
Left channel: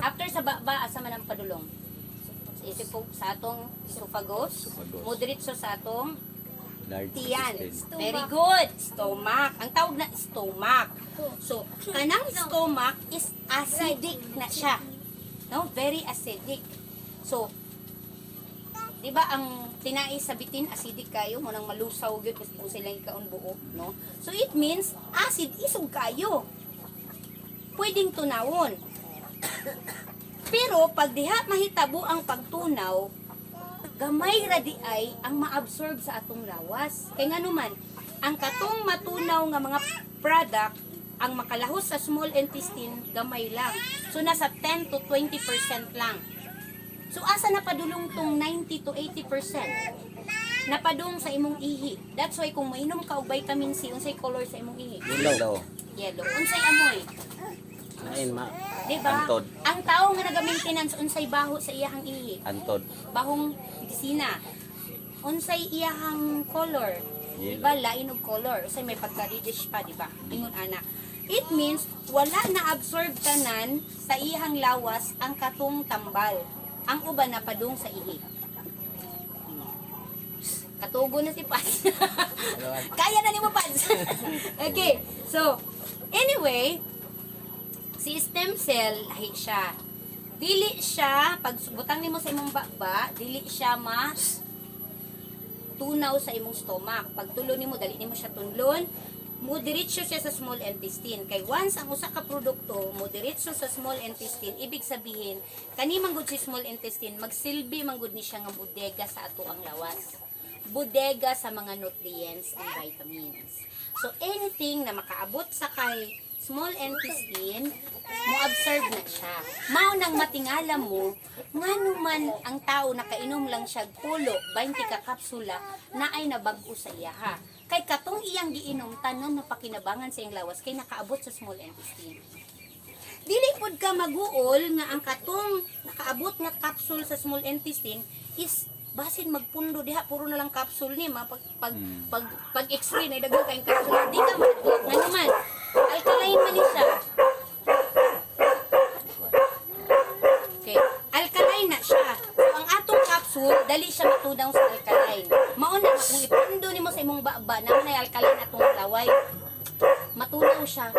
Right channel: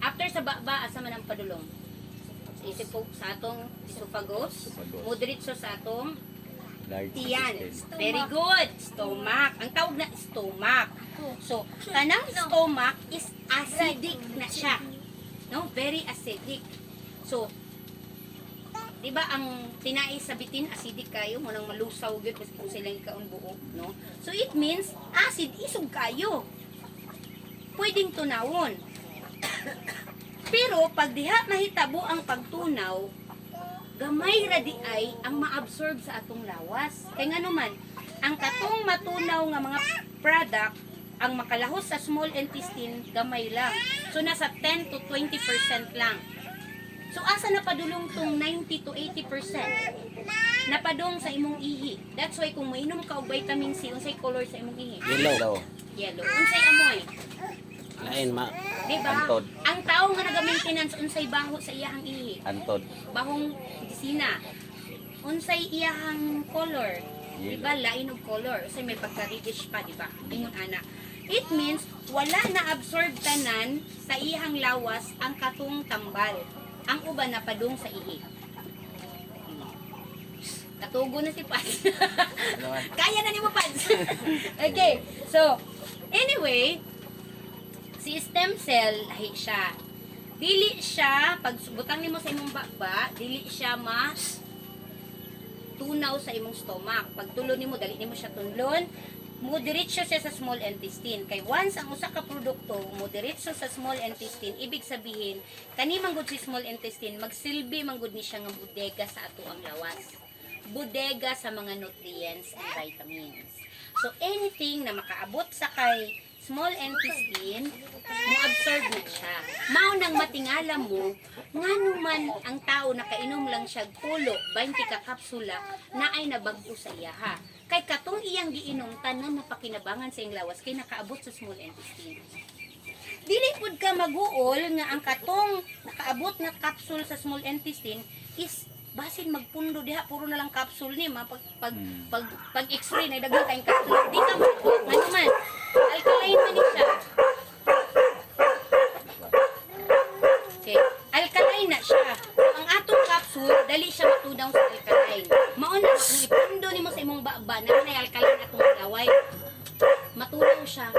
After sa bakba, asa man ang padulong? Sa atong esophagus, moderitso sa atong Large tiyan. intestine. Very good. Stomach. Ang tawag na stomach. So, kanang stomach is acidic na siya. No? Very acidic. So, di ba ang tinais sa bitin, acidic kayo, munang malusaw yun, kasi kung silang ikaon buo, no? So, it means, acid, isog kayo. Pwedeng tunawon. Pero, pag diha mahitabo ang pagtunaw, gamay ra di ay ang ma-absorb sa atong lawas. Kaya nga naman, ang katong matunaw nga mga product, ang makalahos sa small intestine, gamay lang. So, nasa 10 to 20% lang. So, asa napadulong tong 90 to 80%? Napadung sa imong ihi. That's why kung mainom ka og vitamin C, unsay color sa imong ihi? Yellow. Yellow. Unsay amoy? Lain ma. Diba? Antod. Ang tao nga naga-maintenance, unsay baho sa iyahang ihi? Antod. Bahong disina. Unsay iyahang color? Yellow. Diba? Lain og color. Unsay may pagka-reddish pa, diba? Ingon ana. It means, wala na absorb tanan sa iyahang lawas ang katong tambal. Ang uban na padung sa ihi. Katugo na si Paz. Kaya na ni mo, Paz. Okay. So, anyway, si stem cell, lahi siya. Dili siya, pag butang nimo sa imong bakba, dili siya tunaw sa imong stomach. Pag tulo nimo, dali nimo siya tunlon, moderitso siya sa small intestine. Kay once ang usa ka produkto, moderitso sa small intestine, ibig sabihin, kani manggod si small intestine, magsilbi manggod ni siya nga bodega sa ato ang lawas. Bodega sa mga nutrients and vitamins. So, anything na makaabot sa kay small intestine, mo-absorb na siya. Mao nang matingala mo, nga naman ang tao nakainom lang siya pulo, 20 ka kapsula, na ay nabago sa iya ha. Kay katong iyang giinom, tanan na pakinabangan sa iyang lawas, kay nakaabot sa small intestine. Dili pod ka maguol nga ang katong nakaabot nga capsule sa small intestine is basin magpundo diha puro na lang capsule ni pag x-ray na daghang kayong capsule di ka maguol nga naman alkaline man ni siya. Okay. Alkaline na siya. So, ang atong capsule dali siya matudaw sa alkaline. Mao na kung ipundo nimo sa imong bakba na may alkaline atong laway. Matunaw siya.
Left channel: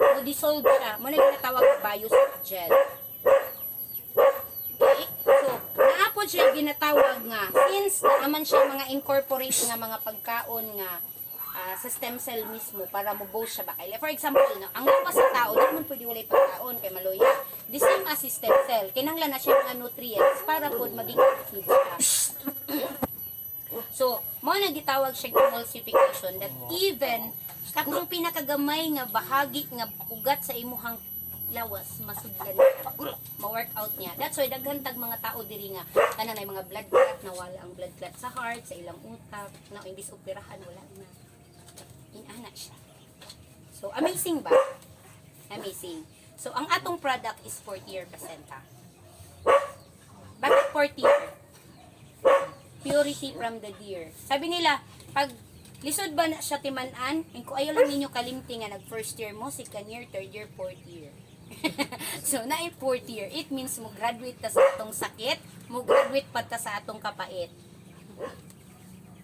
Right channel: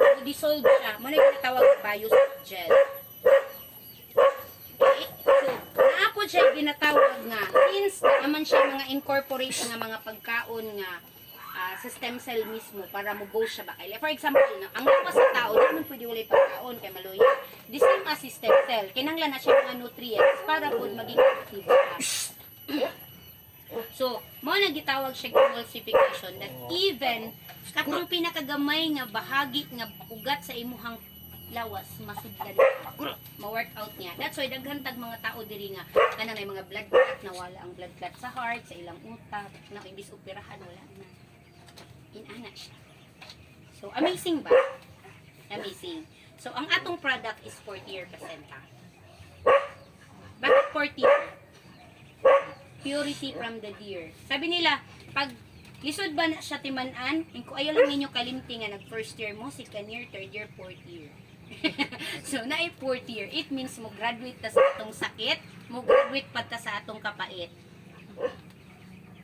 O dissolve siya. Mo na ginatawag na biosolic gel. Okay? So, naapod siya ginatawag nga since naman siya mga incorporate nga mga pagkaon nga sa stem cell mismo para mo-boost siya ba. For example, no, ang lawas sa tao, di naman pwede walay pagkaon kay maloya. The same as si stem cell, kinahanglan na siya mga nutrients para po maging active siya. So, mo na gitawag siya emulsification that even katong pinakagamay nga bahagi nga ugat sa imuhang lawas masudlan ma-work out niya. That's why daghantag mga tao diri nga tanan ay mga blood clot na wala ang blood clot sa heart, sa ilang utak, na imbis operahan wala na. Inana siya. So amazing ba? Amazing. So ang atong product is 40% ha. Bakit 40? Purity from the deer. Sabi nila, pag lisod ba na siya timanan, kung ayaw lang ninyo kalimti nga nag first year mo, second year, third year, fourth year. So, na fourth year, it means mo graduate ta sa atong sakit, mo graduate pa ta sa atong kapait.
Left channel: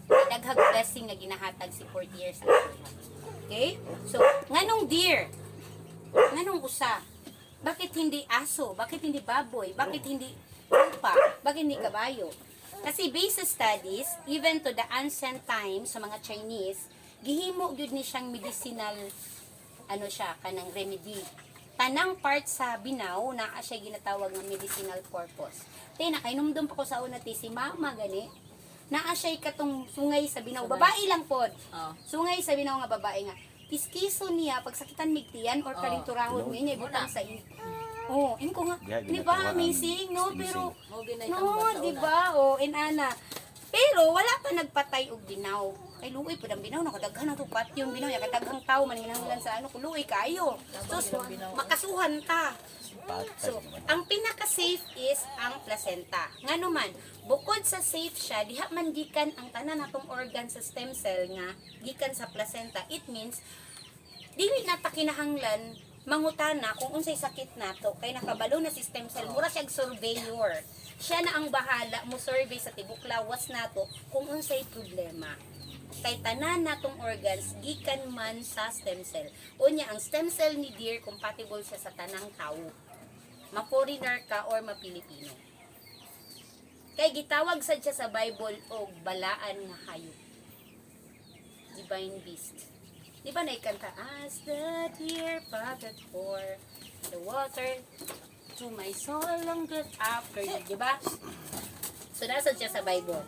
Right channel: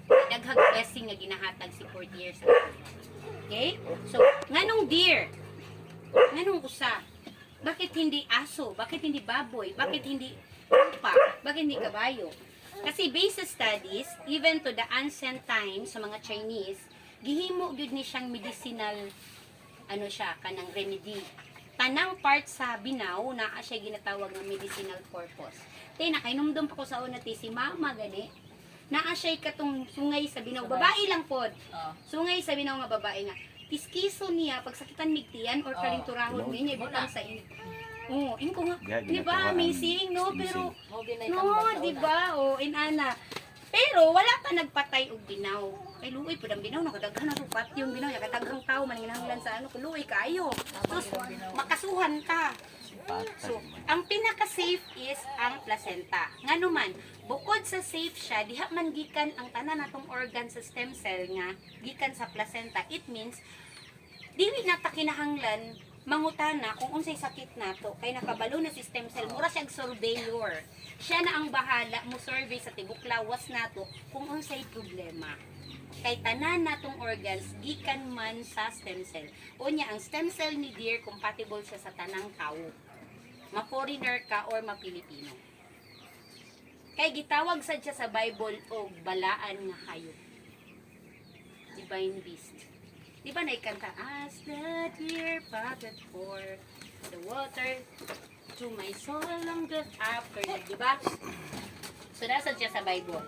Daghang blessing na ginahatag si fourth year sa atin. Okay? So, nganong deer? Nganong usa? Bakit hindi aso? Bakit hindi baboy? Bakit hindi lupa? Bakit hindi kabayo? Kasi based sa studies, even to the ancient times sa mga Chinese, gihimo gyud ni siyang medicinal ano siya kanang remedy. Tanang part sa binaw na siya ginatawag ng medicinal purpose. Tay nakainumdum pa ko sa una ti si mama gani. Naa siya katong sungay sa binaw. Babae lang pod. Sungay sa binaw nga babae nga. Kiskiso niya pag sakitan migtian or kalinturahon niya ibutang sa ini. Oh, ko nga. Di ba amazing no? Pero no, di ba? Oh, inana. Pero wala pa nagpatay og binaw. Kay luoy pud ang binaw no kadaghan na to pat yung binaw ya kadaghang tawo maninahanglan sa ano luoy kayo. Sus makasuhan ta. Patay So, naman. ang pinaka-safe is ang placenta. Ngano man, bukod sa safe siya, diha man gikan ang tanan natong organ sa stem cell nga gikan sa placenta. It means dili na ta kinahanglan mangutana kung unsay sakit nato kay nakabalo na si stem cell mura siya surveyor. Siya na ang bahala mo survey sa tibok lawas nato kung unsay problema. Kay tanan natong organs gikan man sa stem cell. Unya ang stem cell ni dear compatible siya sa tanang tawo. Ma-foreigner ka or ma-Pilipino. Kay gitawag sad siya sa Bible og balaan nga hayop. Divine beast. Di ba naikanta? As the deer panted for the water to my soul longeth after you. Di ba? So, nasa siya sa Bible.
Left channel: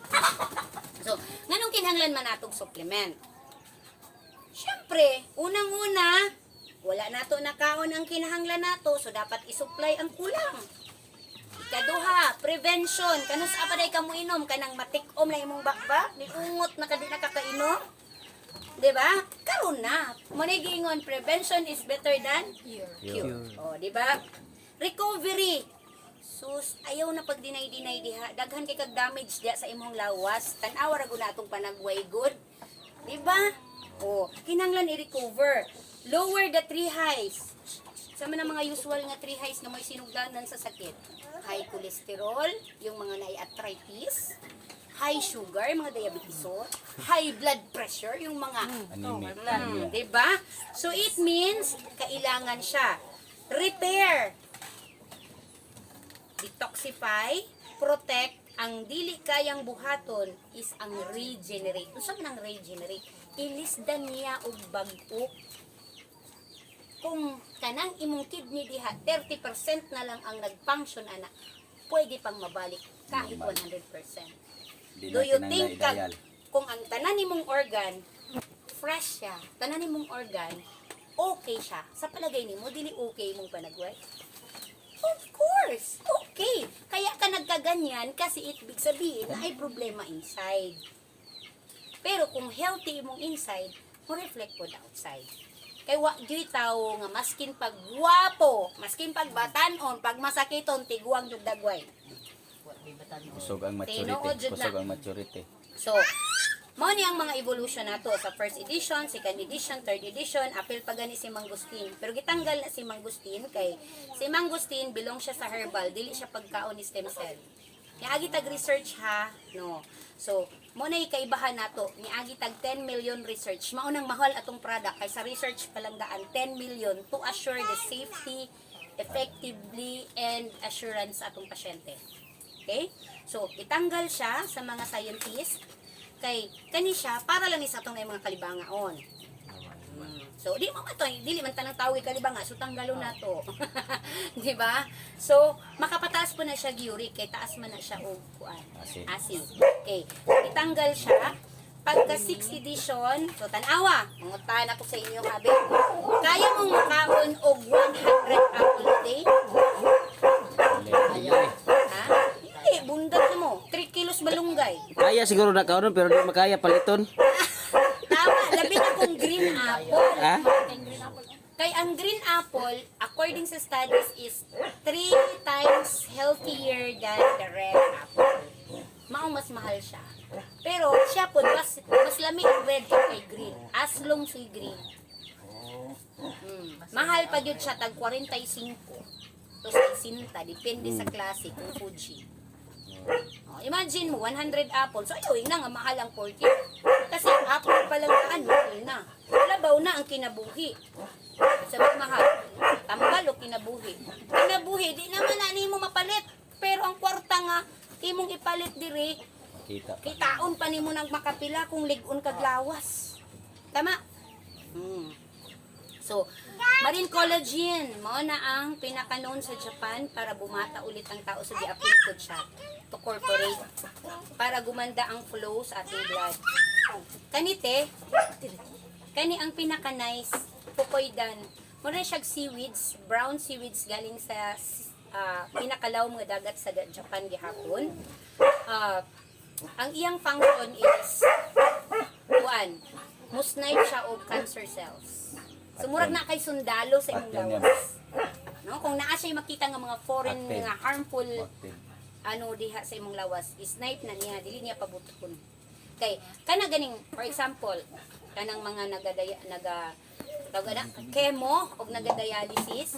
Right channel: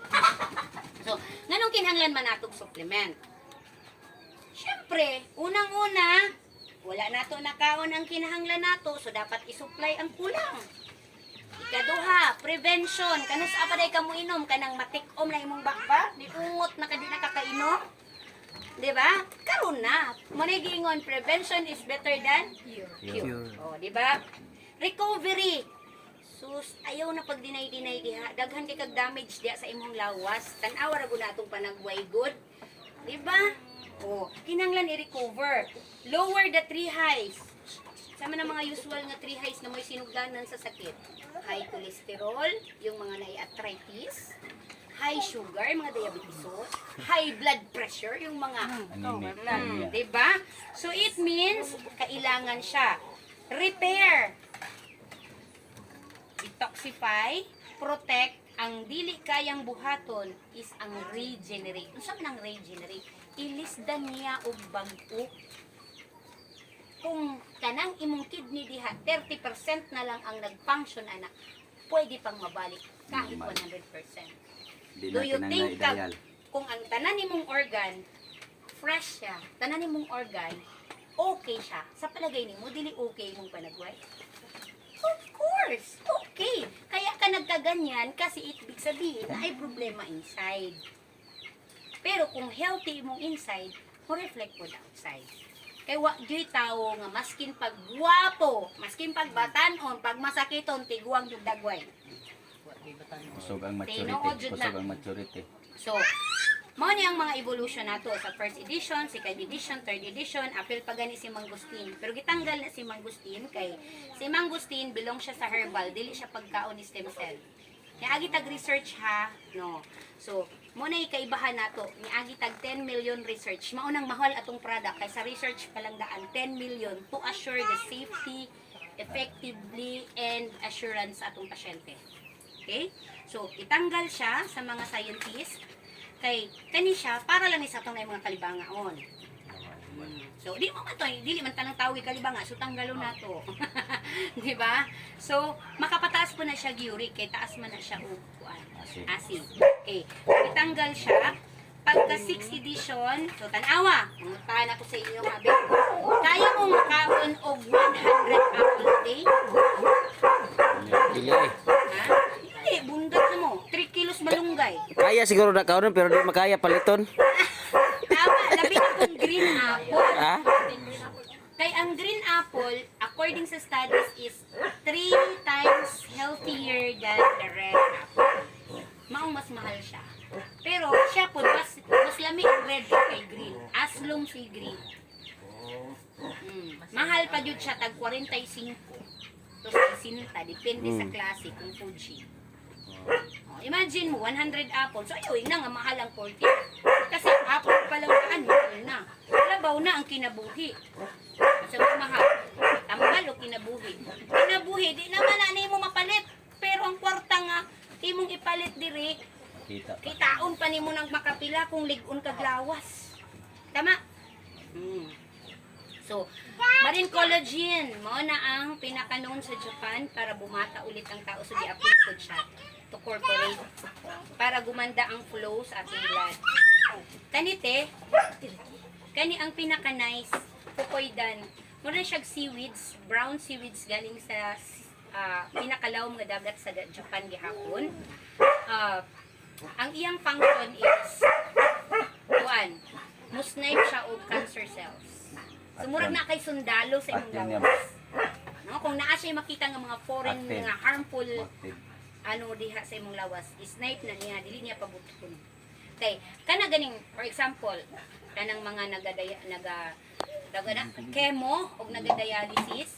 So, nganong kinahanglan man natong supplement? Siyempre, unang-una, wala nato nakaon ang kinahanglan nato, so dapat isupply ang kulang. Ikaduha, prevention. Kanus apaday ka mo inom, kanang matikom na imong bakba, niungot na kadi nakakainom. Diba? Karon na. Manay giingon, prevention is better than cure. O, diba? Recovery. Sus, ayaw na pag dinay-dinay diha. Daghan kay kag damage diha sa imong lawas. Tan-awa ra gud natong panagway good. Diba? O, kinanglan i-recover. Lower the three highs. Sama na mga usual nga three highs na may sinugdanan sa sakit. High cholesterol, yung mga na-arthritis, high sugar, mga diabetes, high blood pressure, yung mga Anemic. diba? So it means kailangan siya repair, detoxify, protect. Ang dili kayang buhaton is ang regenerate. Unsa man ang regenerate? Ilisdan niya og bag-o. Kung kanang imong kidney diha 30% na lang ang nag-function ana, pwede pang mabalik kahit 100%. Di Do na you kinanglan think idayal. kung ang tanan nimong organ fresh siya, tanan nimong organ okay siya, sa palagay nimo dili okay mong panagway? Of course, okay. Kaya ka nagkaganyan kasi ibig sabihin na ay problema inside. Pero kung healthy imong inside, mo reflect po outside. Kaya wa di tao nga maskin pag guwapo, maskin pag batanon, pag masakiton tiguang jud dagway. Kusog ang Tinuod maturity. jud na. Kusog ang maturity. So, mao ni ang mga evolution nato sa first edition, second edition, third edition, apil pa gani si Mangustin. Pero gitanggal na si Mangustin kay si Mangustin belong siya sa herbal, dili siya pagkaon ni stem cell. Niagi tag research ha, no. So, mo na ikaibahan nato, niagi tag 10 million research. Mao nang mahal atong product kay sa research pa lang daan 10 million to assure the safety, effectively and assurance sa atong pasyente. Okay? So, itanggal siya sa mga scientists kay kani siya para lang ni sa atong na mga kalibangaon. So, di mo to, dili man tanang tawi kalibanga, so tanggalo na to. Di ba? So, makapataas po na siya uric kay taas man na siya og kuan. Acid. Okay. So, itanggal siya. Pagka 6th edition, so tanawa, mungutan ako sa inyo habi. Kaya mong makaon og 100 apple a day? Dili. Ha? Hindi, bundat mo. 3 kilos malunggay. Kaya siguro na kaunon pero di makaya paliton. Tama, labi na kung green apple. Ha? Kay ang green apple, according sa studies, is 3 times healthier than the red apple. Maong mas mahal siya. Pero siya po, mas lami ang red kay green. As long si green. Mahal pa yun siya, tag 45. To 60, depende sa klase kung Fuji. Imagine mo, 100 apples. So, ayun na nga, mahal ang 40. Kasi apple pa lang mahal na. Labaw na ang kinabuhi. Sabi mahal. Tambal o kinabuhi. Kinabuhi, di naman na mo mapalit. Pero ang kwarta nga, imong ipalit diri, Kita. kitaon pa nimo nang makapila kung ligon kag lawas. Tama? So, marine collagen, mao na ang pinaka-known sa Japan para bumata ulit ang tao sa gi-applied siya to corporate para gumanda ang flow sa ating blood. Kanite, kani ang pinaka-nice pukoydan. Muna siya seaweeds, brown seaweeds galing sa pinakalaw mga dagat sa Japan gihapon. ang iyang function is one, musnipe siya og cancer cells. So murag na kay sundalo sa imong Patin niya. lawas. No, kung naa siya makita nga mga foreign Patin. nga harmful Active. ano diha sa imong lawas, snipe na niya, dili niya pabuton. Kay kana ganing for example, kanang mga taga na chemo og nagadialysis.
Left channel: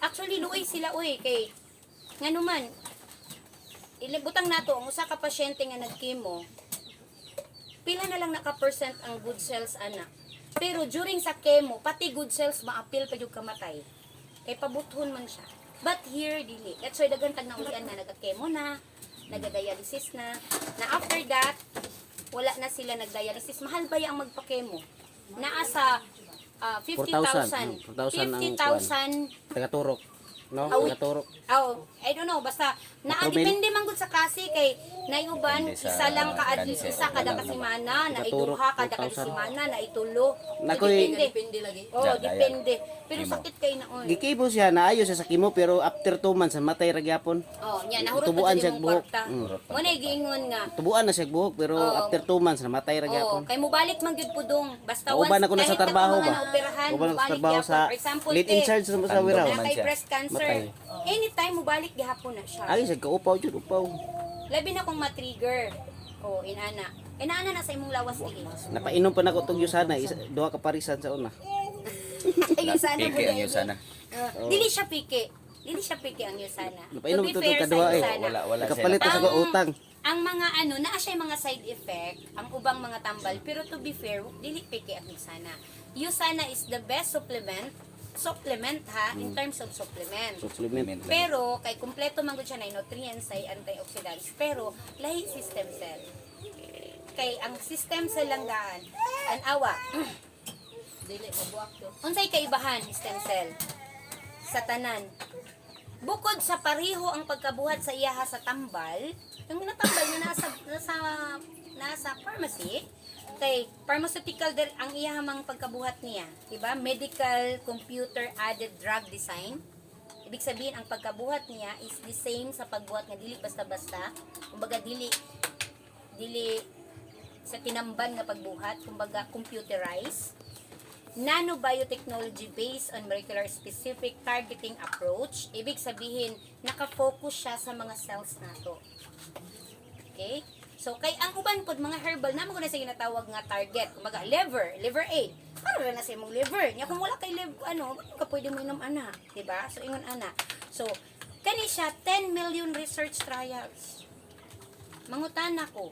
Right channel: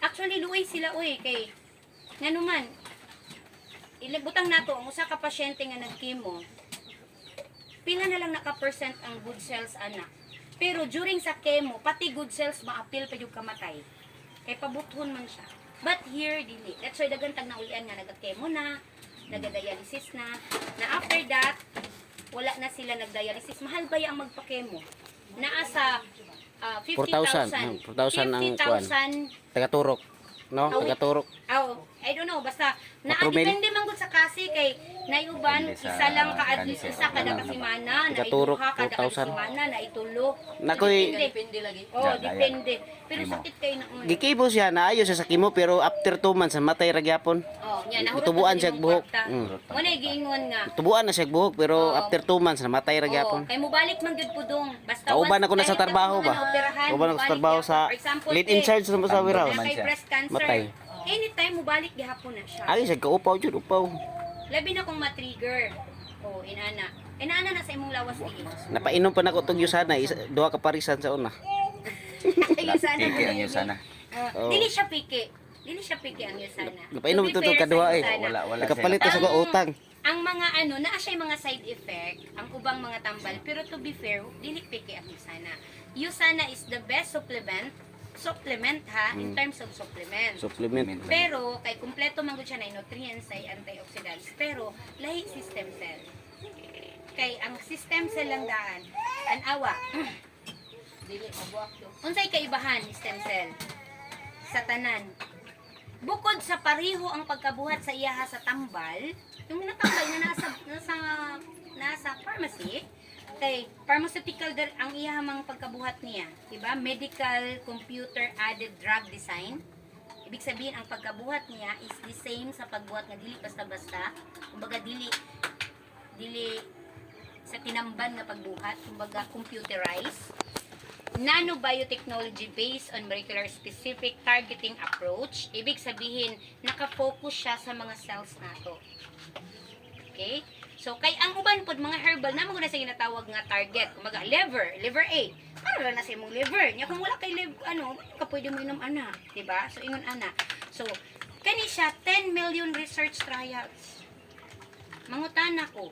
Actually luoy sila oy kay ngano man ilibutang nato ang usa ka pasyente nga nag-chemo. Pila na lang naka-percent ang good cells ana. Pero during sa chemo, pati good cells maapil pa yung kamatay. Kay pabuthon man siya. But here, dili. That's why dagan tag naulian nga nagka-chemo na, nagda-dialysis na after that, wala na sila nagdialysis. Mahal ba ang magpa-chemo? Naa sa 50,000. 4,000 ang 50,000. Taga-turok. No? Awi. Taga-turok. Oh, I don't know, basta Matrumil? depende man gud sa kasi kay naiuban Depende sa isa lang cancer. isa kada Wala kasimana, Taga-turok, naiduha kada 4,000. kasimana, naitulo. Nakoy- Depende. Depende lagi. Oh, Daya. depende. Pero Chemo. sakit kay naon. Gikibo siya, naayo siya sa kimo, pero after 2 months, matay ra gyapon. Oh, nya nahurot Tubuan pa siya sa imong buhok. kwarta. Mm. Mo na giingon nga. Tubuan na siya buhok, pero Oo. after 2 months, namatay ra Oh, gyapon. kay mobalik man gyud pudong. Basta Kauban once ako na sa kahit trabaho mga ba? naoperahan, Kauban ako sa mobalik trabaho gyapon. sa For example, lead in te, charge sa Wiraw. Tando na kay siya. breast cancer. Matay. Anytime mobalik gihapon na siya. Ay, siya kaupaw jud, upaw. Labi na kung ma-trigger. Oh, inana. Inana na sa imong lawas diin. Napainom pa nako tong yusana, duha ka parisan sa una. Ayun sana Piki ang yusana. Dili siya piki. Dili siya piki ang yusana. Napainom To be ito fair kadua sa eh. yusana, Wala Nakapalit siya. sa ko utang. ang mga ano, naa siya yung mga side effect, ang ubang mga tambal, pero to be fair, dili piki ang yusana. Yusana is the best supplement ha, in terms of supplement. Supplement. Pero, kay kumpleto man gud siya na nutrients ay antioxidants, pero lahi si stem cell. Kay ang si stem cell lang daan, awa, Dili mabuak yo. unsay kaibahan ni stem cell sa tanan? Bukod sa pareho ang pagkabuhat sa iyaha sa tambal, yung natambal na nasa pharmacy, kay pharmaceutical ang iyahamang pagkabuhat niya, diba? Medical computer added drug design. Ibig sabihin ang pagkabuhat niya is the same sa pagbuhat nga dili basta-basta. Kumbaga dili sa tinamban nga pagbuhat, kumbaga computerized. Nanobiotechnology based on molecular specific targeting approach. Ibig sabihin, nakafocus siya sa mga cells nato. Okay? So, kay ang uban pod mga herbal, naman ko na sa ginatawag nga target. Kumbaga, liver A. Para na sa imong liver. Nya kung wala kay liver, ano ka pwede mo inom ana. Diba? So, ingon ana. So, kani siya, 10 million research trials. Mangutan ako.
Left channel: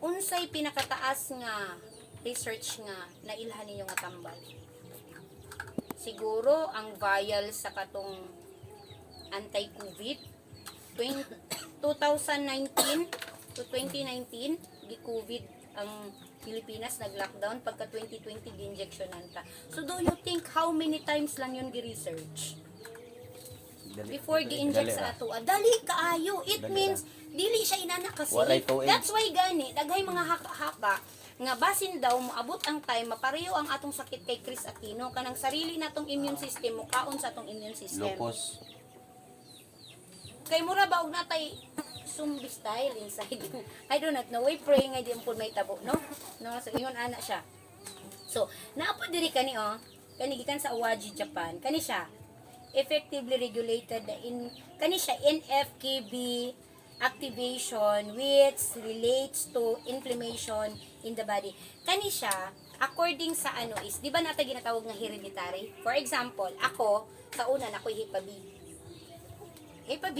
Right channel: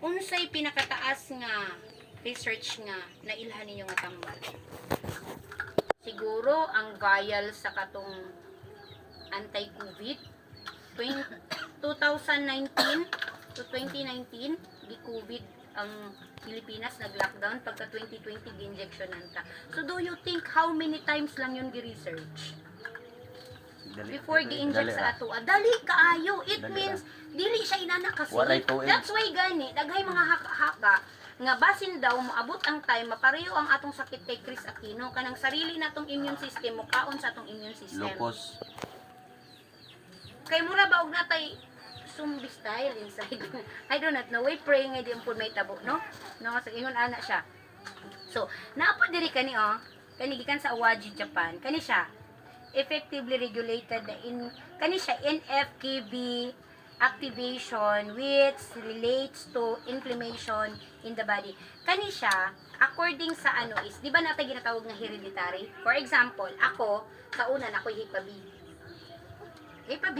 Unsay pinakataas nga research nga nailhan ninyo nga tambal? Siguro ang vial sa katong anti-COVID 2019 to 2019 di COVID ang Pilipinas nag-lockdown pagka 2020 gi-injectionan ka. So do you think how many times lang yun gi-research? Before gi-inject sa ato. Dali kaayo. It Dali means dili siya inana kasi. Walay tuig. That's why gani daghay mga haka nga basin daw moabot ang time mapareho ang atong sakit kay Chris Aquino kanang sarili natong immune system mo kaon sa atong immune system. Lupus. Kay mura ba og natay zombie style inside. I do not know. Wait, pray nga di po may tabo, no? No, so ingon ana siya. So, naapod diri kani kani gikan sa Awaji, Japan. Kani siya effectively regulated kani siya NFKB activation which relates to inflammation in the body. Kani siya according sa ano is, di ba natin ginatawag nga hereditary? For example, ako sa una nakoy HPV. HPV,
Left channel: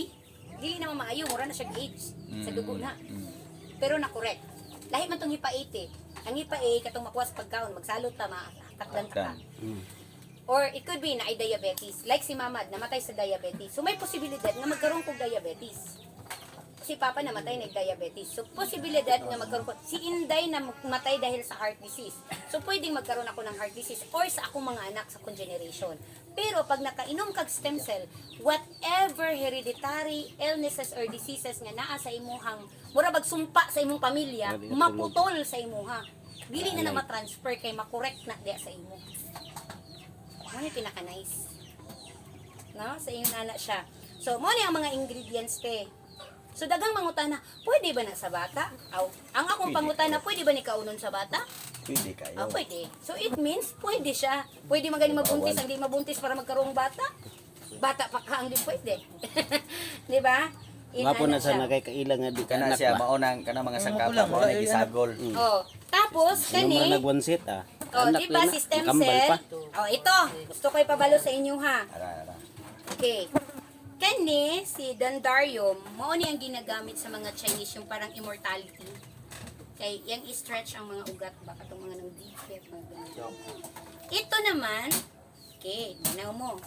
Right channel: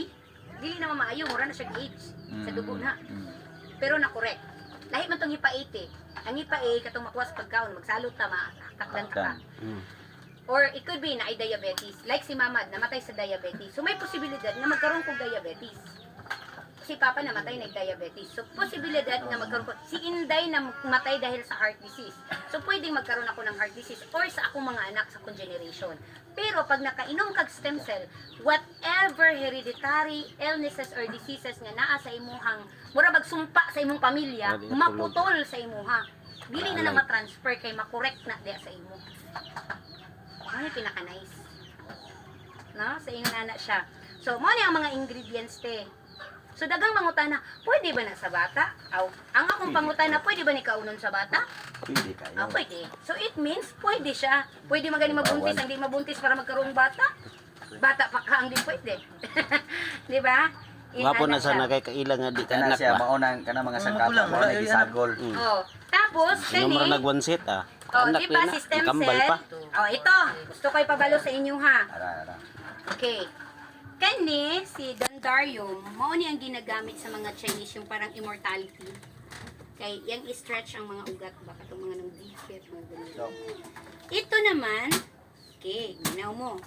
dili na maayo, mura na siya age sa dugo na. Pero na correct. Lahi man tong HPA 80. Ang HPA katong makuha sa pagkaon, magsalot ta makakdan ka. Or it could be na ay diabetes. Like si mama, namatay sa diabetes. So may posibilidad na magkaroon kog diabetes. Si papa namatay nag-diabetes. So posibilidad na magkaroon ko. Si Inday na matay dahil sa heart disease. So pwedeng magkaroon ako ng heart disease or sa akong mga anak sa akong generation. Pero pag nakainom kag stem cell, whatever hereditary illnesses or diseases nga naa sa imuhang mura bag sumpa sa imong pamilya, maputol sa imuha. Dili na ma-transfer kay makorek na diya sa imo. Ano yung pinaka-nice? No? Sa ingon ana siya. So, mo ni ang mga ingredients te. So dagang mangutana, pwede ba na sa bata? Aw, ang akong pangutana, pwede ba ni kaunon sa bata? Pwede kayo. Ah, pwede. So it means pwede siya. Pwede magani mabuntis, ang di mabuntis para magkaroong bata. Bata pa ka ang di pwede. Di ba? Wapo na siya. sana kay kaila nga di ka Kana anak siya ba. maunang kana mga sangkata mo na gisagol. Oh, tapos Sino mo kani, nag one set ah. oh, Anak di ba na, si stem nakambal cell? pa. Oh, ito. Gusto ko ipabalo sa inyo ha. Ara. Okay. Kani, si Dendarium, mao ni ang ginagamit sa mga Chinese yung parang immortality. Kay yang i-stretch ang mga ugat baka itong mga nang defect, mga ganun. Ito naman, okay, ginaw mo.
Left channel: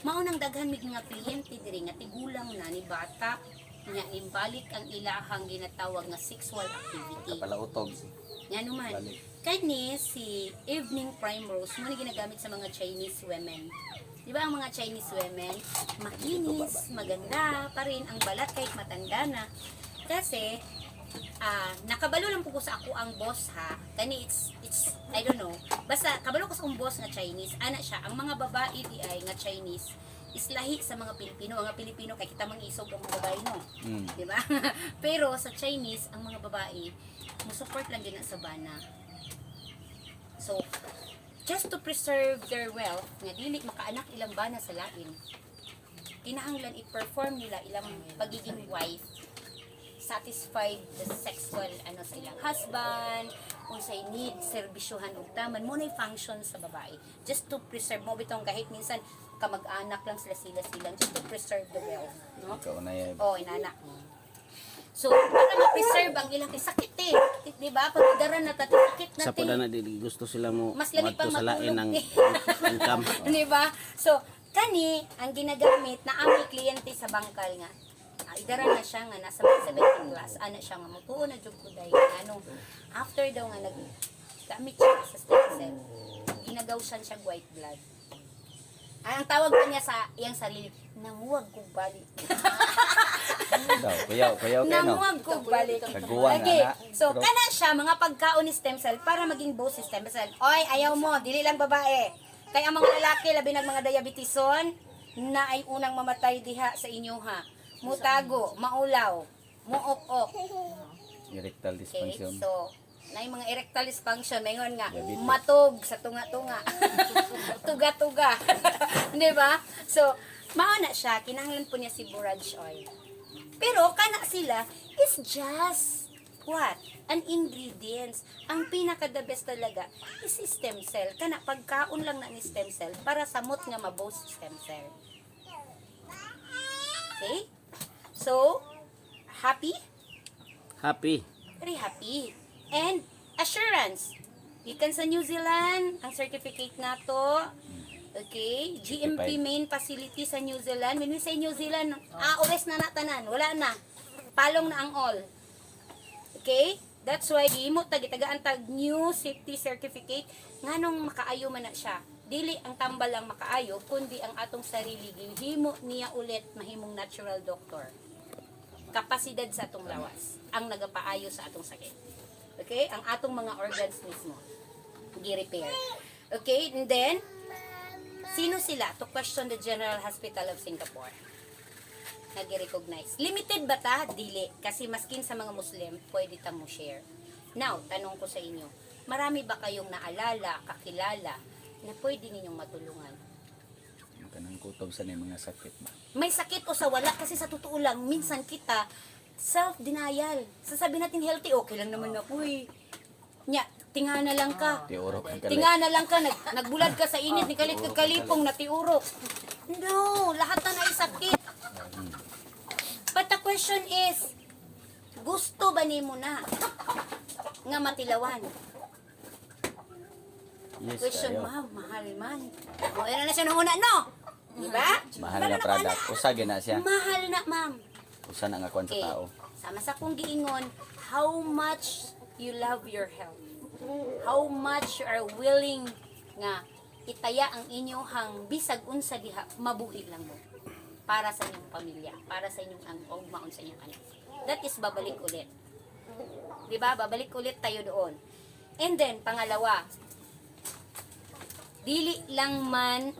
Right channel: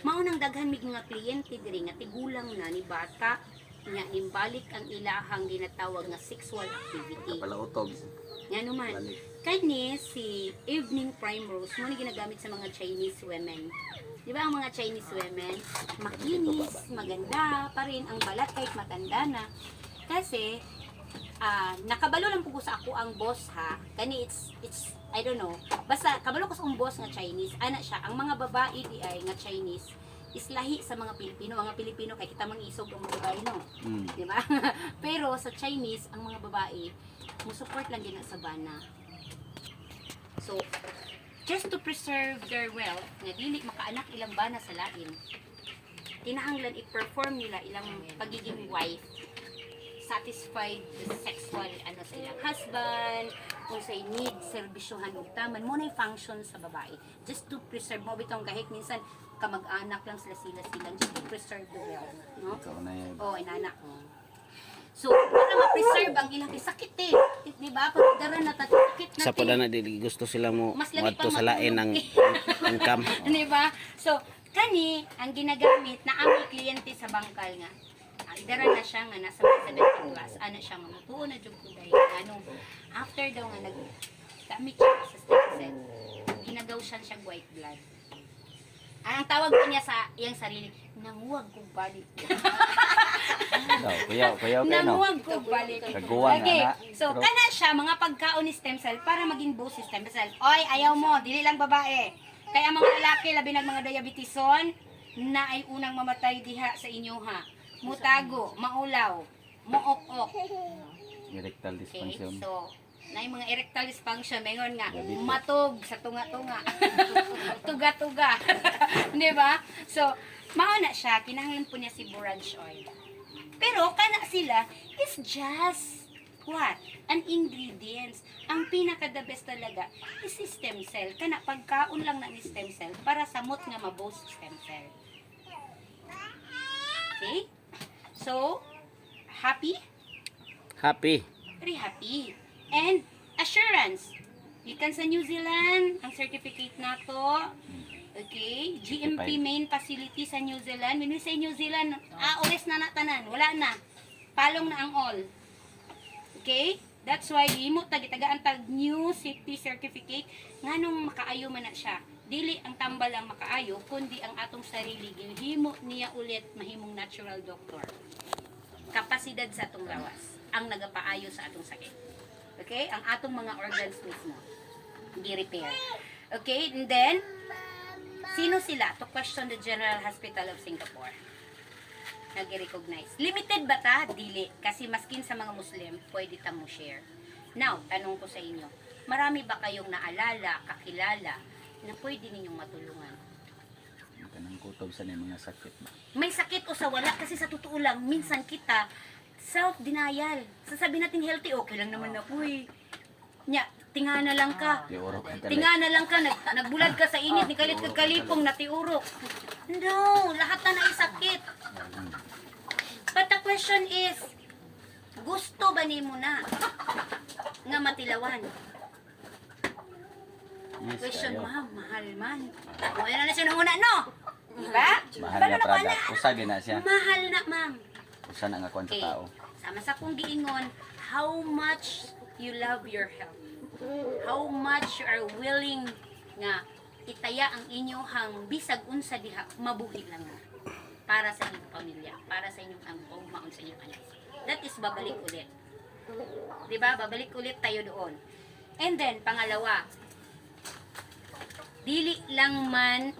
Maunang daghan mig mga kliyente diri nga tigulang na ni bata nga imbalik ang ilahang ginatawag nga sexual activity. Palautog. Nga naman, Balik. kani si Evening Primrose mo ni ginagamit sa mga Chinese women. Di ba ang mga Chinese women, makinis, maganda pa rin ang balat kahit matanda na. Kasi, nakabalo lang po ko sa ako ang boss ha. Kani it's I don't know. Basta kabalo ko sa akong boss nga Chinese, ana siya. Ang mga babae di ay nga Chinese is lahi sa mga Pilipino. Ang mga Pilipino kay kita mangisog ang mga babae no. Di ba? Pero sa Chinese, ang mga babae mo support lang din sa bana. So, just to preserve their wealth, nga dili makaanak ilang bana sa lain, kinahanglan i-perform nila ilang pagiging wife, satisfied the sexual sa ilang husband, kung say need, serbisyohan ug taman mo nay function sa babae. Just to preserve mo bitong kahit minsan kamag-anak lang sila silang just to preserve the wealth, no? Ikaw na yan. Oh, inanak mo. So, para ma-preserve ang ilang sakit eh. Di ba? Pag igaran na sakit na Sa pula na di gusto sila mo Mas lamig madto pang sa lain ng matulog. income. Di ba? So, kani, ang ginagamit na aming kliyente sa bangkal nga, idaran na siya nga nasa mga 17 class, ano siya nga, mutuo na dyan ko dahil, after daw nga nag-damit siya sa stem cell, ginagawsan siya white blood. Ang tawag pa niya sa iyang sarili, nanguwag kong balik. Daw, kuyaw kayo no. Nanguwag kong balik. Kaguwang Okay, ana. so Pero- kana siya, mga pagkaon ni stem cell para maging boost si stem cell. Oy, ayaw mo, dili lang babae. Kaya ang mga lalaki, labi ng mga diabetison, na ay unang mamatay diha sa inyo ha. Mutago, maulaw, muok-ok. Erectile Okay, dysfunction. so, na yung mga erectile dysfunction, mayroon nga, Diabetes. matog sa tunga-tunga. Tuga-tuga. Di ba? So, mauna siya, kinahanglan po niya si borage oil. Pero, kana sila is just what? An ingredients. Ang pinaka-the best talaga is stem cell. Kana, pagkaon lang ng stem cell para samot nga maboost stem cell. Okay? So, happy? Happy. Very happy. And assurance. Gikan sa New Zealand, ang certificate na to. Okay? GMP Certified. main facility sa New Zealand. When we say New Zealand, ores na natanan. Wala na. Palong na ang all. Okay? That's why gihimo gitagaan tag new safety certificate nganong makaayo man na siya. Dili ang tambal ang makaayo kundi ang atong sarili gihimo niya ulit mahimong natural doctor. Kapasidad sa atong lawas ang nagapaayo sa atong sakit. Okay? Ang atong mga organs mismo gi-repair. Okay? And then sino sila? To question the General Hospital of Singapore. Nag-recognize. Limited ba ta? Dili. Kasi maskin sa mga Muslim, pwede ta mo share. Now, tanong ko sa inyo, marami ba kayong naalala, kakilala, na pwede ninyong matulungan? Kanang kutob sa mga sakit ba. May sakit o sa wala, kasi sa totoo lang, minsan kita, self-denial. Sasabihin natin healthy, okay lang naman ako eh. Nya, tingana lang ka. Tiurok ang kalit. Tingana lang ka, nagbulad ka sa init, ni kalit kalipong, natiurok. No, lahat na naisakit. But the question is, gusto ba nimo na nga matilawan? Yes, Question, kayo. ma'am, mahal man. O, yan na siya nung una, no? Diba? Mahal Paano nga na product. Usagi na siya. Mahal na, ma'am. Usa na nga kwan sa Okay. tao. Sama sa kong giingon, how much you love your health. How much you are willing nga itaya ang inyong bisag unsa diha mabuhi lang mo para sa inyong pamilya, para sa inyong maon sa inyong anak. That is babalik ulit. 'Di ba? Babalik ulit tayo doon. And then pangalawa, dili lang man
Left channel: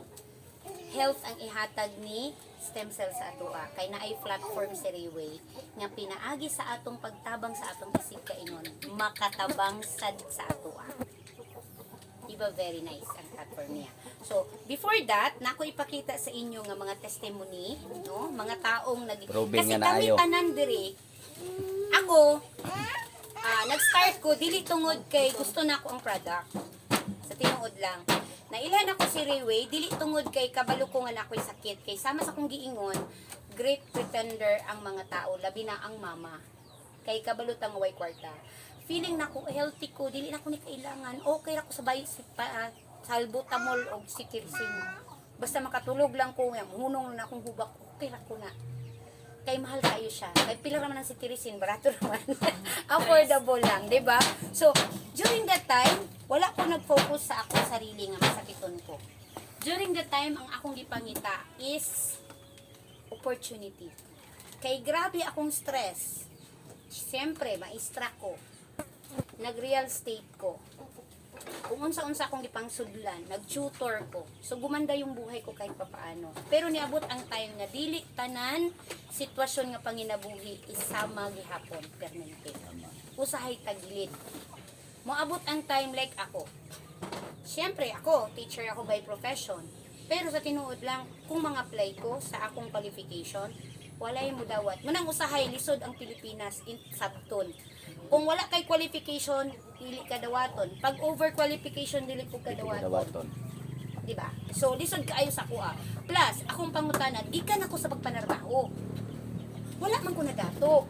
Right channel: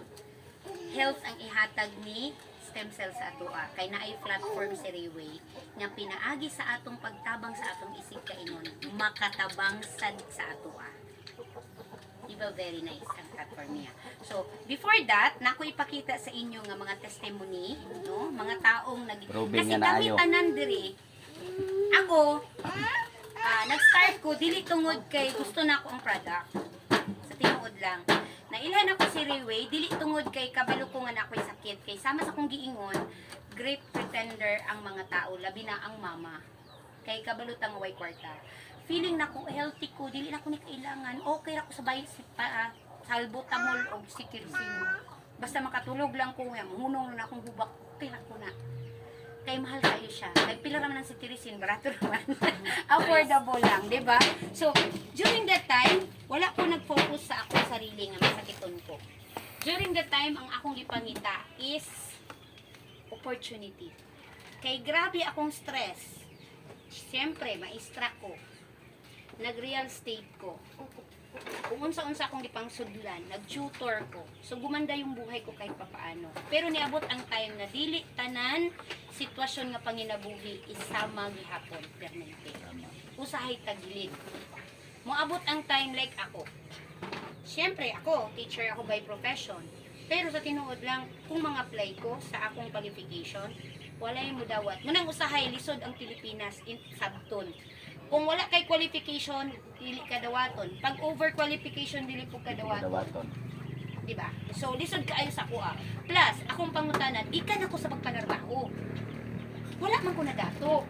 health ang ihatag ni stem cells sa atoa kay naay platform si Rayway nga pinaagi sa atong pagtabang sa atong isig kaingon makatabang sad sa atoa. Diba very nice ang platform niya. So, before that, nako ipakita sa inyo nga mga testimony, no? Mga taong Proving kasi nga kami naayo. tanan diri. Ako, nag-start ko dili tungod kay gusto na ako ang product. Sa tinuod lang. Nailhan ako si Rayway, dili tungod kay kabalo ko nga nako'y sakit. Kay sama sa kong giingon, great pretender ang mga tao, labi na ang mama. Kay kabalo tang way kwarta. Feeling na ko healthy ko, dili na ko ni kailangan. Okay ra ko sa bayi salbutamol o sikirsin. Basta makatulog lang ko nga, hunong na akong hubak, okay ra ko na. Kay mahal kayo siya. Kay pila raman ang sikirisin, barato naman. Affordable lang, 'di ba? So, during that time, wala ko nag-focus sa akong sarili nga masakiton ko. During that time, ang akong gipangita is opportunity. Kay grabe akong stress. Siyempre, maestra ko. Nag-real estate ko. Kung unsa-unsa akong gipangsudlan, nag-tutor ko. So, gumanda yung buhay ko kahit papaano. Pero niabot ang time na dili tanan sitwasyon nga panginabuhi isama gihapon permanente. Usahay tagilid. Moabot ang time like ako. Siyempre, ako, teacher ako by profession. Pero sa tinuod lang, kung mga apply ko sa akong qualification, walay mo dawat. Munang usahay, lisod ang Pilipinas in sabton. Kung wala kay qualification, dili ka dawaton. Pag over qualification, dili po ka dawaton. Dawaton. Diba? So, lisod kaayo sa kuha. Plus, akong pangutanan, gikan ako sa pagpanarbaho. Wala man ko na dato.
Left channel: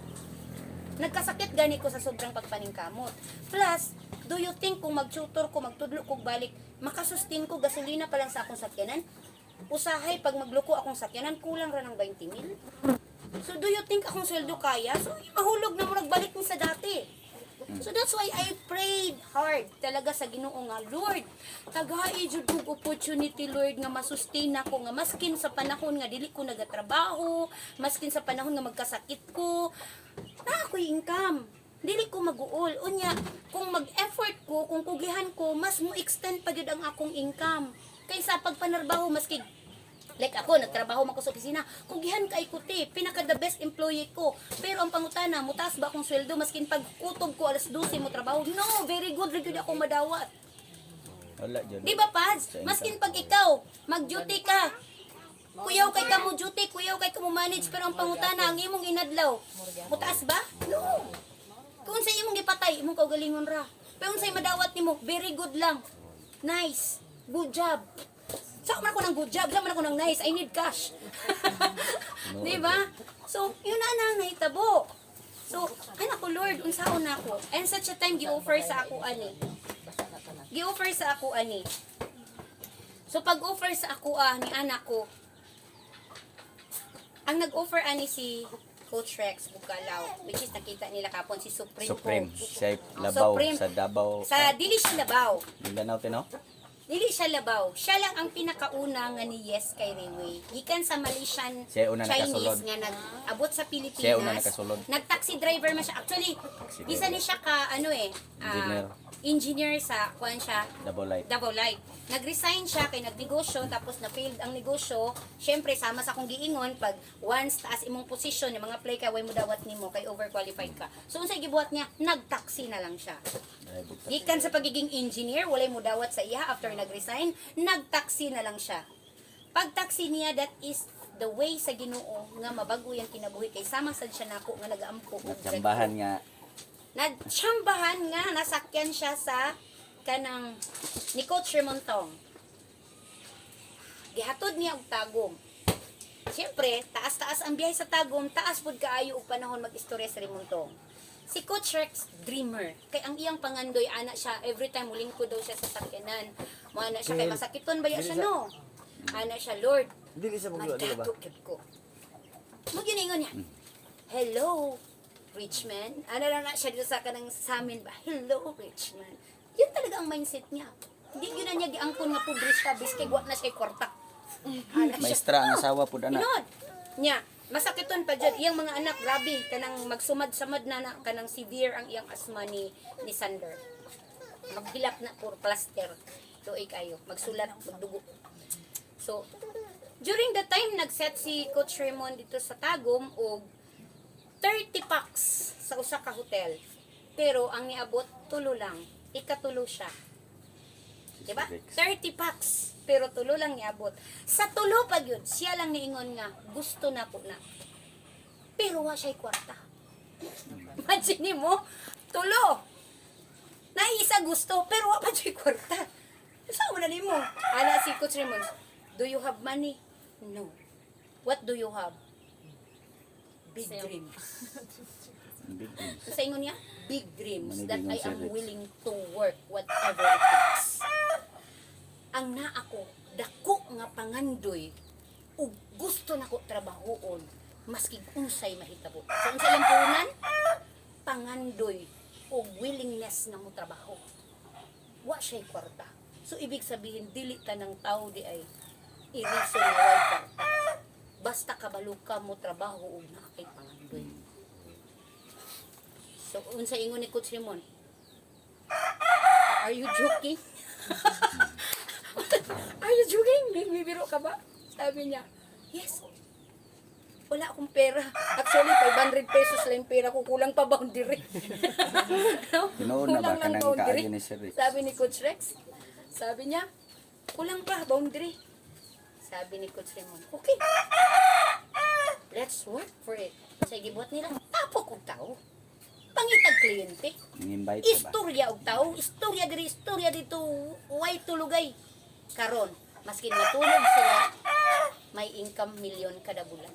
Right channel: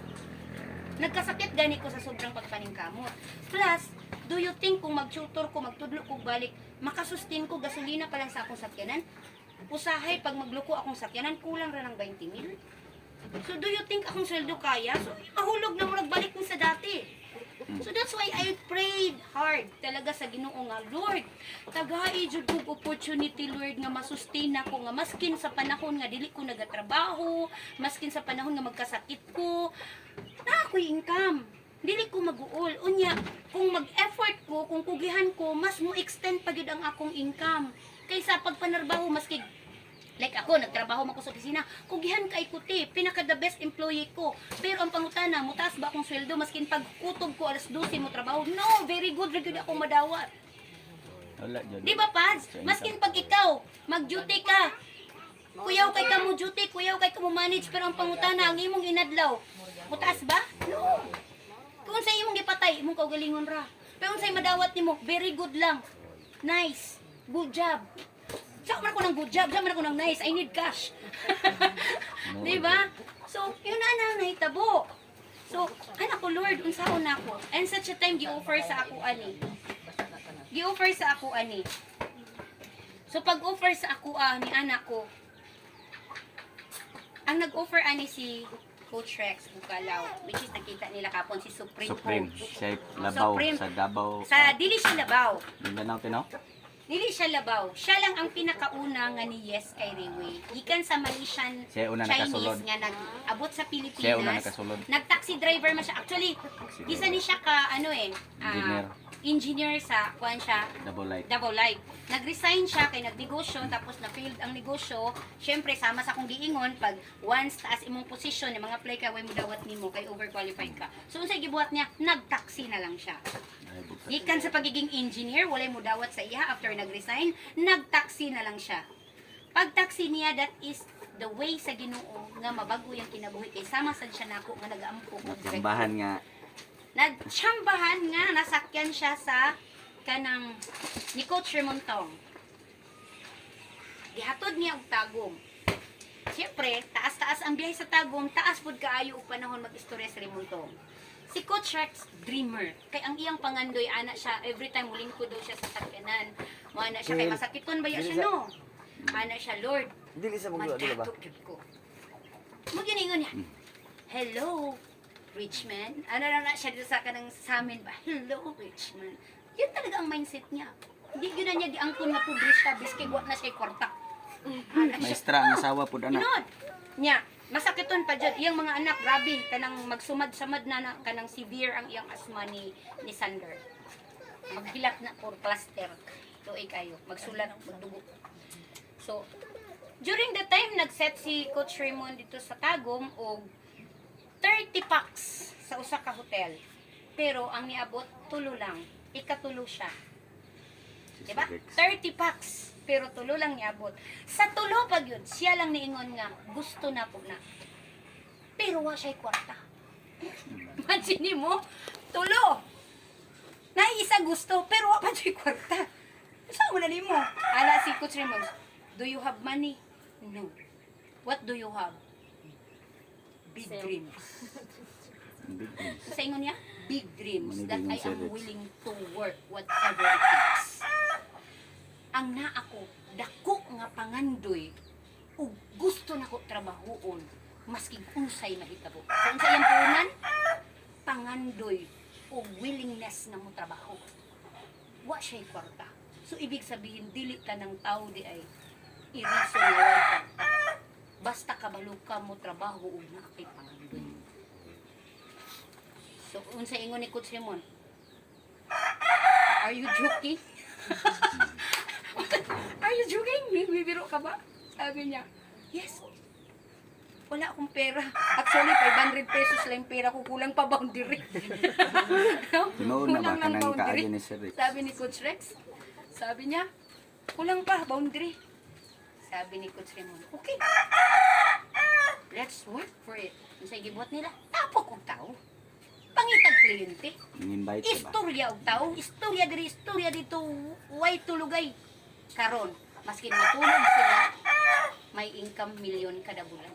Nagkasakit gani ko sa sobrang pagpaningkamot. Plus, do you think kung mag-tutor ko, magtudlo ko balik, makasustain ko gasolina pa lang sa akong sakyanan? Usahay, pag magluko akong sakyanan, kulang ra ng 20,000. So, do you think akong sweldo kaya? So, mahulog na mo nagbalik ni sa dati. So, that's why I prayed hard talaga sa Ginoo nga, Lord, tagay jud kog opportunity, Lord, nga masustain ako, nga maskin sa panahon nga dili ko nagatrabaho, maskin sa panahon nga magkasakit ko, na ako'y income. Dili ko mag-uol. Unya, kung mag-effort ko, kung kugihan ko, mas mo extend pa gyud ang akong income. Kaysa pagpanarbaho, maski like ako, nagtrabaho man ko sa opisina, kugihan kay kuti, pinaka the best employee ko. Pero ang pangutana, mutaas ba akong sweldo, maskin pag kutob ko alas 12 mo trabaho? No, very good, rin ako madawat. Wala dyan. Di ba, Pads? Maskin pag ikaw, mag-duty ka, kuyaw kay ka mo duty, kuyaw kay ka mo manage, pero ang pangutana, ang imong inadlaw, mutaas ba? No. Kung sa imong gipatay, imong kaugalingon ra. Pero kung sa madawat nimo, very good lang. Nice. Good job. Saan man ako ng good job, saan man ako ng nice, I need cash. Diba? So, yun na nahitabo. So, anak ko, Lord, unsaon na ako. And such a time, gi-offer sa ako ani. Gi-offer sa ako ani. So, pag-offer sa ako ni anak ko, ang nag-offer ani si Coach Rex Bukalaw, which is nakita nila kapon si Supreme Coach. Sa Labaw, Supreme. sa Davao. Sa dili siya Labaw. Mindanao, Tino? Dili siya Labaw. Siya lang ang pinakauna nga ni Yes kay Rayway. Gikan sa Malaysian Siya una nakasulod. Chinese nga nag-abot sa Pilipinas. Siya una nakasulod. Nag-taxi driver man siya. Actually, isa ni siya ka Engineer. engineer sa kuan siya Double light. Davao Light. Nag-resign siya kay nagnegosyo tapos na-failed ang negosyo. Syempre sama sa kong giingon pag once taas imong posisyon yung mga play ka way mo dawat nimo kay overqualified ka. So unsay gibuhat niya? Nag-taxi na lang siya. Gikan sa pagiging engineer, walay mo dawat sa iya after nag-resign, nag-taxi na lang siya. Pag-taxi niya, that is the way sa Ginoo nga mabago yung kinabuhi kay sama sad siya nako nga nag-ampo. Nagsambahan nga. Nagtsambahan nga, nasakyan siya sa kanang ni Coach Remontong. Gihatod niya og Tagum. Siyempre, taas-taas ang biyahe sa Tagum, taas pud kaayo og panahon mag-istorya sa Remontong. Si Coach Rex, dreamer. Kay ang iyang pangandoy, ana siya, every time mulingkod daw siya sa sakyanan. Ana siya, kay masakiton ba siya, no? Ana siya, Lord, Dili sa magduwa, dili ba? madatot ko. Maginingon niya, hello, rich man. Ano na siya dito sa kanang sa amin ba? Hello, rich man. Yun talaga ang mindset niya. Hindi yun na niya giangkon nga pudris ka, biskay guwat na siya kwarta. Ana siya. Maestra ang asawa po anak. Inon. Nya, masakiton pa dyan. Iyang mga anak, grabe, kanang magsumad-samad na kanang severe ang iyang asma ni Sander. Maghilat na for plaster. Tuig kayo. Magsulat, magdugo. So, During the time nag-set si Coach Raymond dito sa Tagum og 30 packs sa usa ka hotel. Pero ang niabot tulo lang. Ikatulo siya. Diba? 30 packs. Pero tulo lang niabot. Sa tulo pag yun, siya lang niingon nga, gusto na po na. Pero wa siya'y kwarta. Imagine mo, tulo. Naisa gusto, pero wa pa siya'y kwarta. Saan mo na mo? Ala si Coach Raymond, do you have money? No. What do you have? Big dreams. Big dreams. Sa ingon niya, big dreams Money that being I am serious. willing to work whatever it takes. Ang naa ako, dako nga pangandoy, ug gusto nako trabahoon, maski unsay mahitabo. So unsay ang punan? Pangandoy ug willingness na mo trabaho. Wa siya'y kwarta. So ibig sabihin, dili ta ng tao di ay iriso na way kwarta. Basta kabalo ka mo trabaho ug naa kay pangandoy. So, unsa ingon ni Coach Raymond? Are you joking? Are you joking? Bibiro ka ba? Sabi niya, yes. Wala akong pera. Actually, 500 pesos lang yung pera ko. Kulang pa boundary. No? Tinuod na ba Kulang ka lang ng boundary. kaagi ni Sir Rex? Sabi ni Coach Rex. Sabi niya, kulang pa boundary. Sabi ni Coach Raymond, okay. Let's work for it. Sa gibot nila, tapok og tao. Pangitag kliyente. Invite ka ba? Istorya og tao, istorya dito, way tulugay. Karon, maski matulog sila, may income million kada bulan.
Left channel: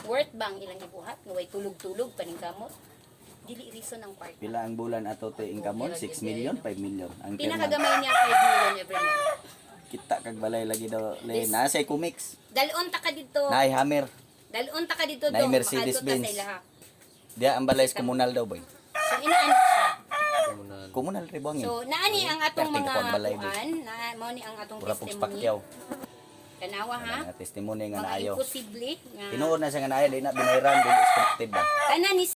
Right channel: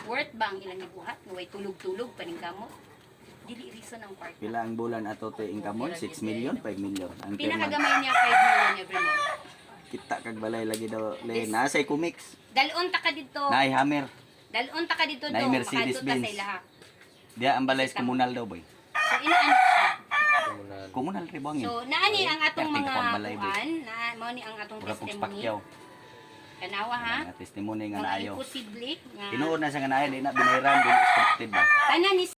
Worth ba ang ilang ibuhat? Nga way tulog-tulog, paningkamot? Dili reason ang part. Pila ang bulan ato te income mo? 6 million, 5 million. Ang chairman, Pinakagamay niya 5 million every month. kita kag balay lagi daw. This- Nasa comics. Dalon ta ka dito. Nay hammer. Dalon ta ka dito Nay do, Mercedes makadto ka Benz. sa ilaha. Dia ang balay sa komunal daw boy. So inaanak siya. Komunal ribong So naani ang atong Perting mga kapag balay, boy. kuan, na mao ni ang atong Pura pong testimony. pakyaw. Tanawa ha. Ang testimony nga Mga naayo. imposible nga Tinuod na siya nga naayo, di na binayran, di scripted ba? tanan ni